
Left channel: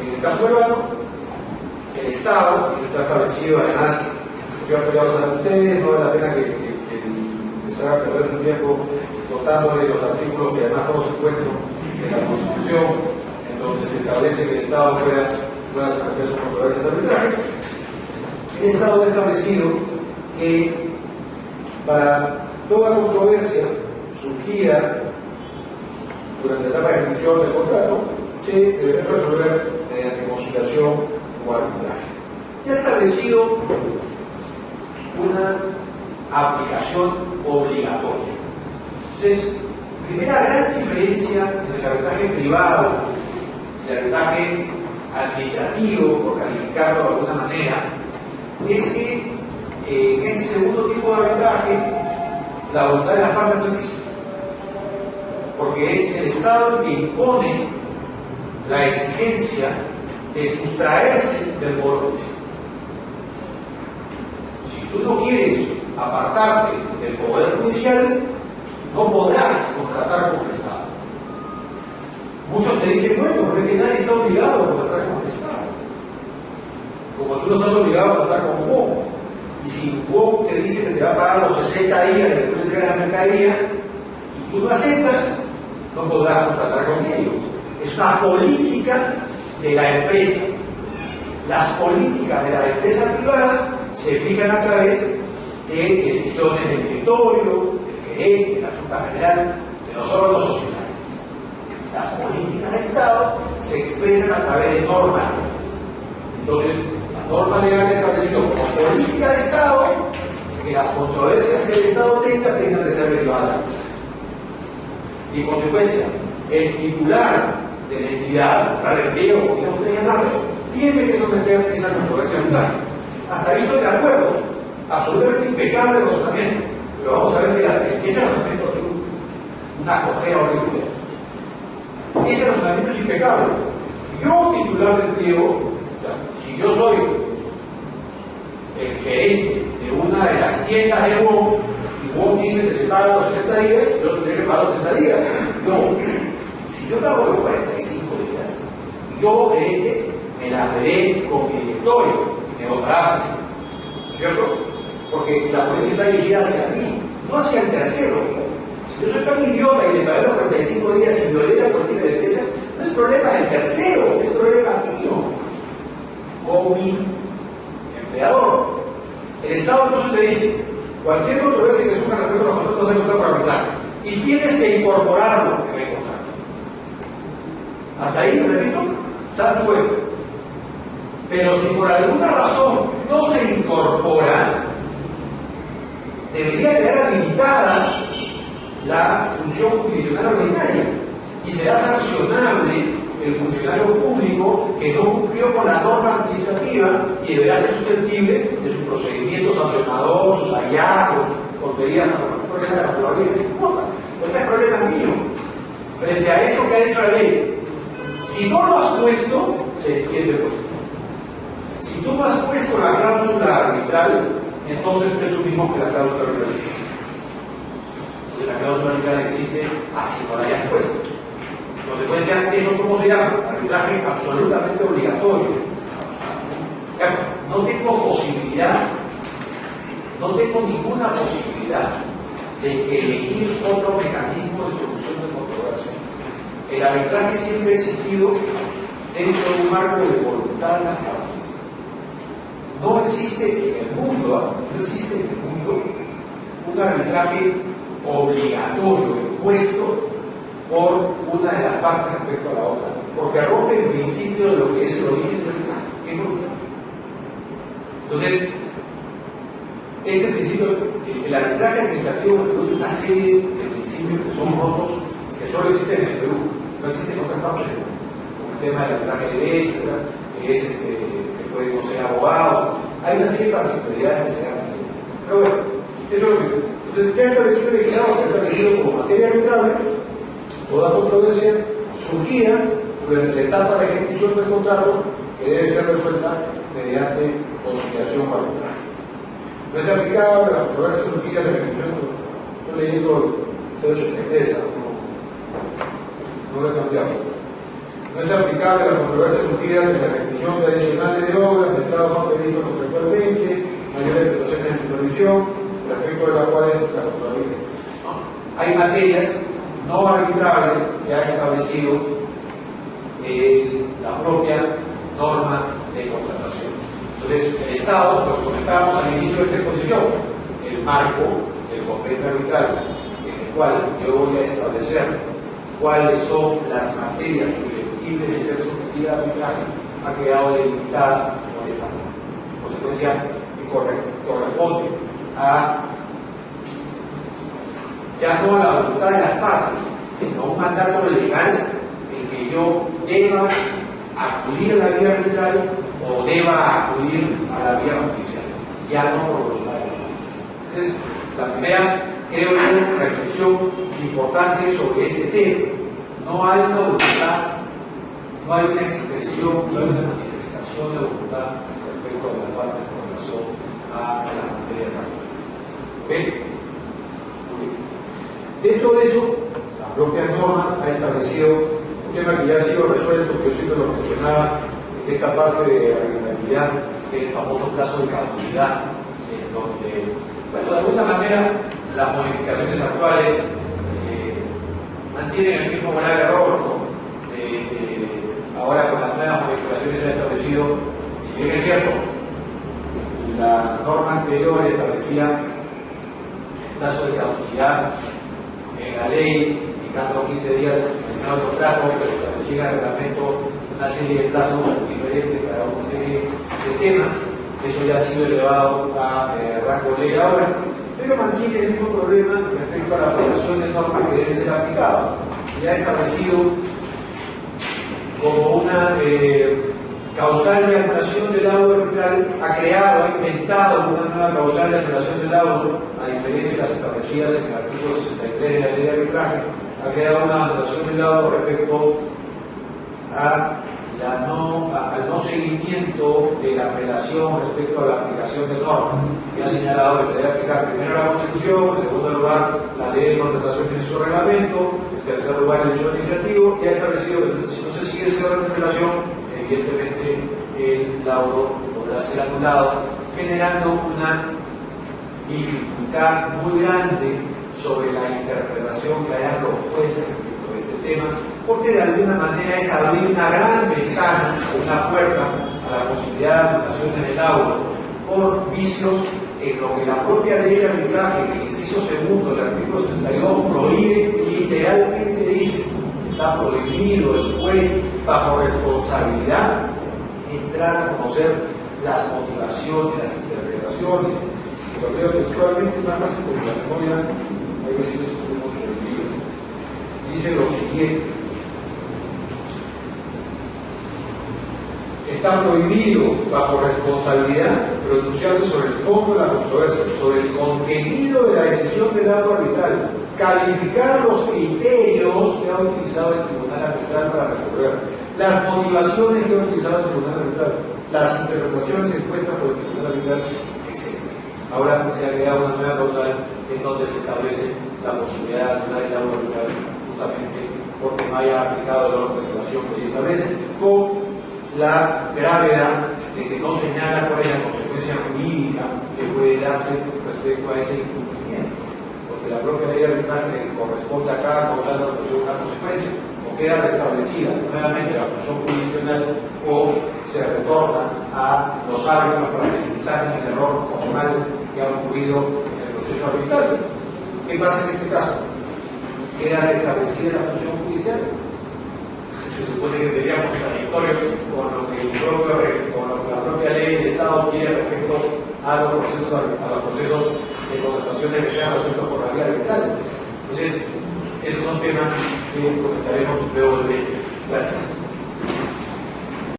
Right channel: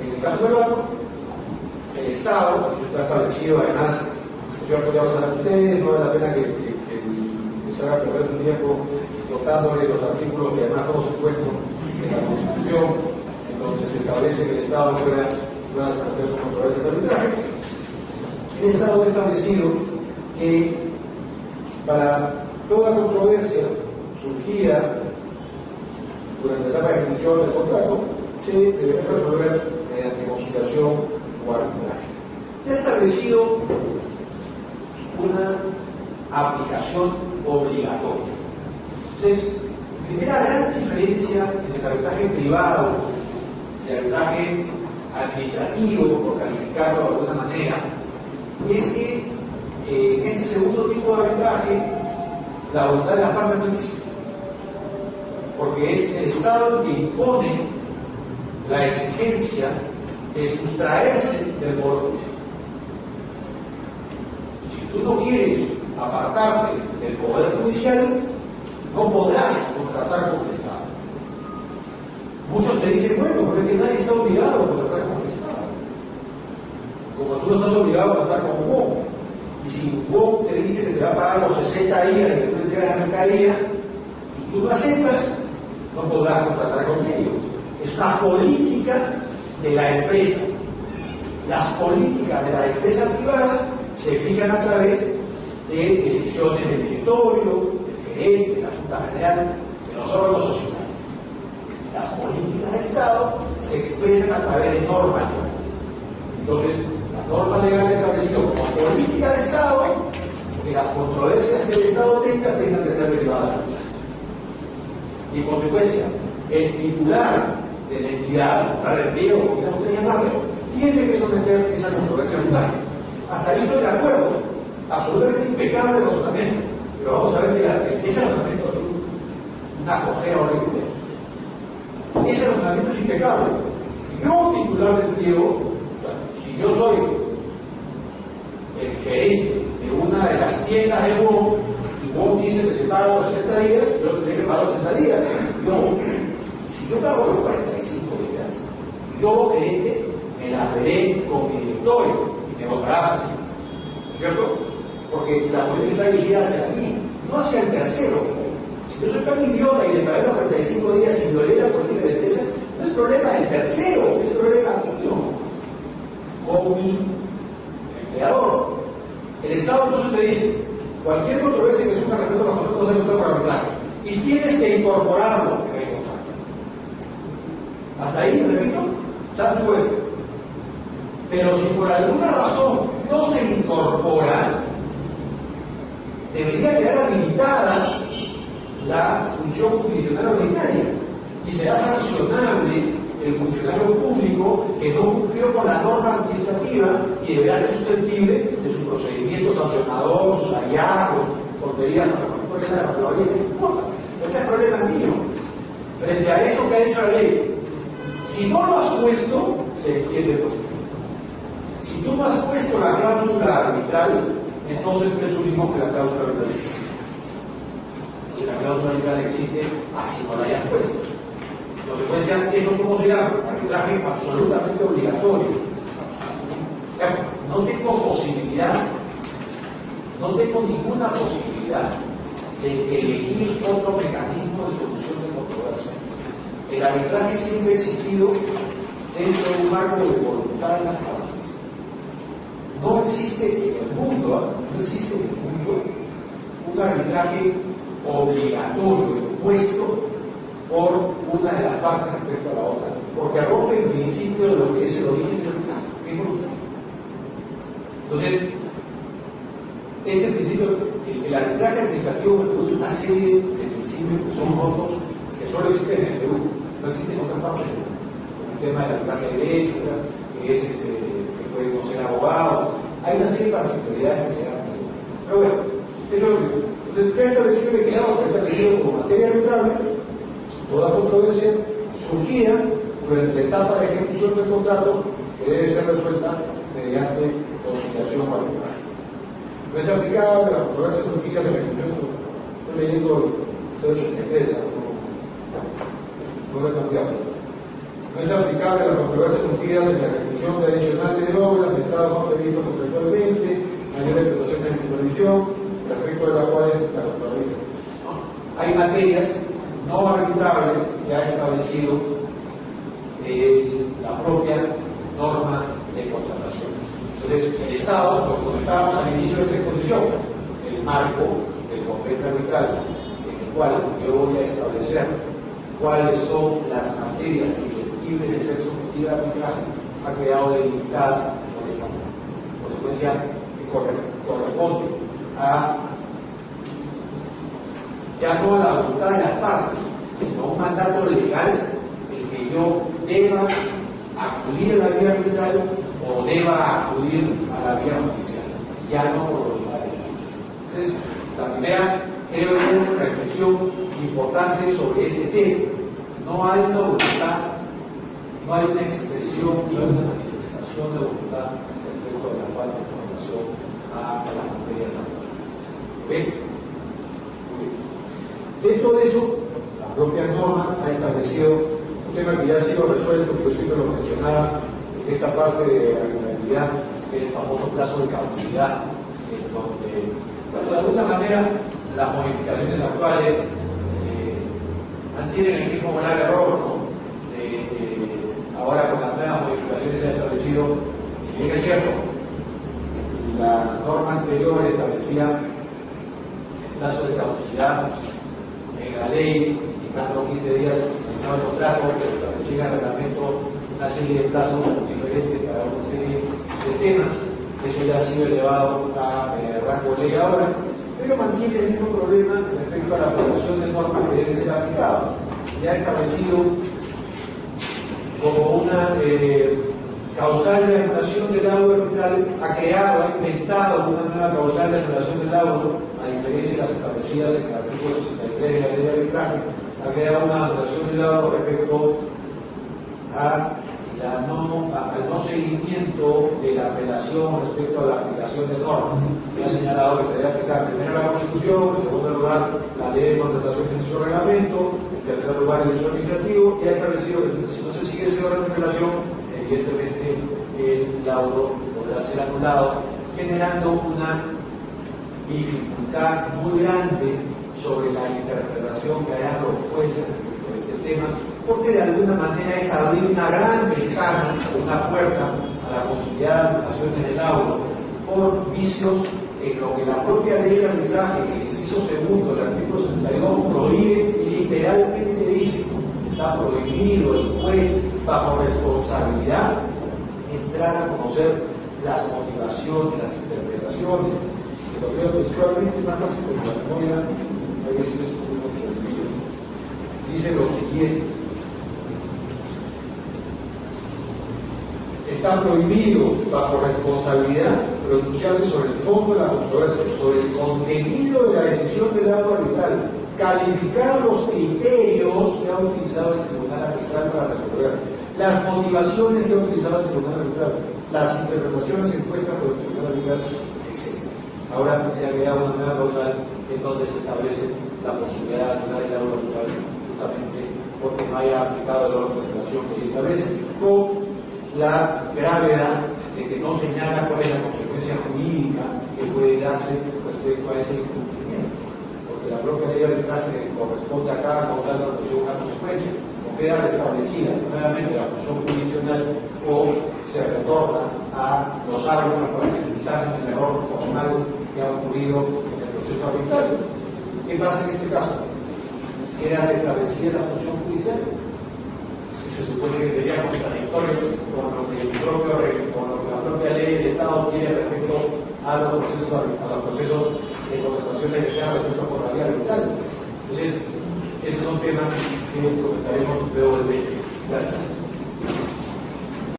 en el caso peruano, el Estado, y eso está establecido además, yo ya lo saben ustedes, no vale la pena que se haga perder su tiempo contándole los artículos que además todos se encuentran en la Constitución, en donde se establece que el Estado pueda someter sus controversias arbitrales. El Estado ha establecido que para toda controversia surgida durante la etapa de ejecución del contrato se debe resolver mediante conciliación o arbitraje. Ya ha establecido una aplicación obligatoria. Entonces, primera gran diferencia entre el arbitraje privado y el arbitraje administrativo, por calificarlo de alguna manera, es que en este segundo tipo de arbitraje la voluntad de las partes no existe, porque es el Estado el que impone la exigencia de sustraerse del poder judicial. Si tú no quieres apartarte del poder judicial, no podrás contratar con el Estado. Muchos te dicen, bueno, pero es que nadie está obligado a contratar con el Estado. Como tú no estás obligado a contratar con WOM, y si WOM te dice que te va a pagar los 60 días de que tú entregas la mercadería, y tú no aceptas, no podrás contratar con ellos. Es una política de la empresa. Las políticas de la empresa privada se fijan a través de decisiones del directorio, del gerente, de la Junta General, de los órganos societarios. Las políticas de Estado se expresan a través de normas. Entonces, la norma legal estableció como política de Estado que las controversias que el Estado tengan que ser derivadas. Y en consecuencia, el titular de la entidad, para el empleo, como quieran ustedes llamarlo, tiene que someter esa controversia arbitraria. Hasta ahí estoy de acuerdo, absolutamente impecable el razonamiento, pero vamos a ver que ese razonamiento es una cojera horrible. Ese razonamiento es impecable. Yo, titular del pliego, o sea, si yo soy el gerente de una de las tiendas de WOM, y WOM dice que se paga los 60 días, yo tendré que pagar los 60 días. No, si yo pago los 45 días, yo gerente me la veré con mi directorio y me votará, ¿cierto? Porque la política está dirigida hacia mí, no hacia el tercero. Si yo soy tan idiota y le pagué los 45 días y violé la política de la empresa, no es problema del tercero, es problema mío, con mi empleador. El Estado entonces te dice, cualquier controversia que surja respecto a los contratos se está por arbitraje y tienes que incorporarlo en el contrato. Hasta ahí, repito, está tu cuerpo. Pero si por alguna razón no se incorpora, debería quedar habilitada la función jurisdiccional ordinaria y será sancionable el funcionario público que no cumplió con la norma administrativa y deberá ser susceptible de sus procedimientos sancionadores, sus hallazgos, tonterías, no importa. Este es problema mío. Frente a eso que ha hecho la ley, si no lo has puesto, se entiende pues. Si tú no has puesto la cláusula arbitral, entonces presumimos que la cláusula arbitral existe. Entonces la cláusula arbitral existe así no la hayan puesto. En consecuencia, ¿eso cómo se llama? Arbitraje absolutamente obligatorio. No tengo posibilidad, no tengo ninguna posibilidad de elegir otro mecanismo de solución de controversia. El arbitraje siempre ha existido dentro de un marco de voluntad de las partes. No existe en el mundo, un arbitraje obligatorio impuesto por una de las partes respecto a la otra, porque rompe el principio de lo que es el origen del arbitraje, que es voluntad. Entonces, este principio, el arbitraje administrativo produce una serie de principios que son rotos, que solo existen en el Perú, no existen en otras partes del mundo. El tema del arbitraje de derecho, que es que pueden ser abogados, hay una serie de particularidades que se dan. Pero bueno, eso es lo primero. Entonces, ¿qué ha establecido el legislador? Que ha establecido como materia arbitrable toda controversia surgida durante la etapa de ejecución del contrato que debe ser resuelta mediante conciliación o arbitraje. No es aplicable a las controversias surgidas en ejecución. Estoy leyendo el 083, no lo he cambiado. No es aplicable a las controversias surgidas en la ejecución de adicionales de obras, de estados no previstos contractualmente, mayores prestaciones de supervisión, respecto de las cuales la Contraloría. Hay materias no arbitrables que ha establecido la propia norma de contrataciones. Entonces, el Estado, lo comentábamos al inicio de esta exposición, el marco del convenio arbitral, en el cual yo voy a establecer cuáles son las materias susceptibles de ser sometidas a arbitraje, ha quedado delimitada por esta norma. En consecuencia, corresponde a ya no a la voluntad de las partes, sino a un mandato legal en que yo deba acudir a la vía arbitral o deba acudir a la vía judicial, ya no por voluntad de las partes. Entonces, la primera, creo yo, reflexión importante sobre este tema. No hay una voluntad, no hay una expresión, no hay una manifestación de voluntad respecto a las partes con relación a las materias arbitrales. ¿Ven? Dentro de eso, la propia norma ha establecido un tema que ya ha sido resuelto, que yo siempre lo mencionaba en esta parte de arbitrabilidad, que es el famoso plazo de caducidad, donde, bueno, de alguna manera, las modificaciones actuales mantienen el mismo grave error, ¿no? Ahora con las nuevas modificaciones se ha establecido, si bien es cierto, la norma anterior establecía el plazo de caducidad en la ley, indicando 15 días en el contrato, pero establecía en el reglamento una serie de plazos diferentes para una serie de temas. Eso ya ha sido elevado a rango de ley ahora, pero mantiene el mismo problema respecto a la aplicación de normas que deben ser aplicadas. Ya ha establecido como una causal de anulación del laudo arbitral, ha creado, ha inventado una nueva causal de anulación del laudo, a diferencia de las establecidas en el artículo 63 de la ley de arbitraje, ha creado una anulación del laudo respecto al no seguimiento de la apelación respecto a la aplicación de normas. Y ha señalado que se debe aplicar primero la Constitución, en segundo lugar la ley de contratación en su reglamento, en tercer lugar el derecho administrativo, y ha establecido que si no se sigue ese orden de relación, evidentemente el laudo podrá ser anulado, generando una dificultad muy grande sobre la interpretación que hayan los jueces respecto a este tema, porque de alguna manera es abrir una gran ventana, una puerta a la posibilidad de anulación en el laudo por vicios en lo que la propia ley de arbitraje, en el inciso segundo del artículo 62, prohíbe, literalmente dice: está prohibido el juez bajo responsabilidad entrar a conocer las motivaciones, las interpretaciones. Lo leo textualmente, más fácil porque la memoria hay veces es un poco olvido. Dice lo siguiente: está prohibido bajo responsabilidad pronunciarse sobre el fondo de la controversia, sobre el contenido de la decisión del laudo arbitral, calificar los criterios que ha utilizado el tribunal arbitral para resolver, las motivaciones que ha utilizado el tribunal arbitral, las interpretaciones expuestas por el tribunal arbitral, etc. Ahora se ha creado una nueva causal, en donde se establece la posibilidad de una aislado arbitral justamente porque no haya aplicado el orden de regulación que se establece, con la gravedad de que no señala cuál es la consecuencia jurídica que puede darse respecto a ese incumplimiento, porque la propia ley arbitral que corresponde a cada causal de resolución una consecuencia, o queda restablecida nuevamente la función jurisdiccional o se retorna a los árbitros para que subsanen el error formal que ha ocurrido en el proceso arbitral. ¿Qué pasa en este caso? Queda restablecida la función judicial. Se supone que sería contradictorio con lo que la propia ley del Estado quiere respecto a los procesos de contratación que sean resueltos por la vía arbitral. Entonces, esos son temas que comentaremos luego del 20. Gracias.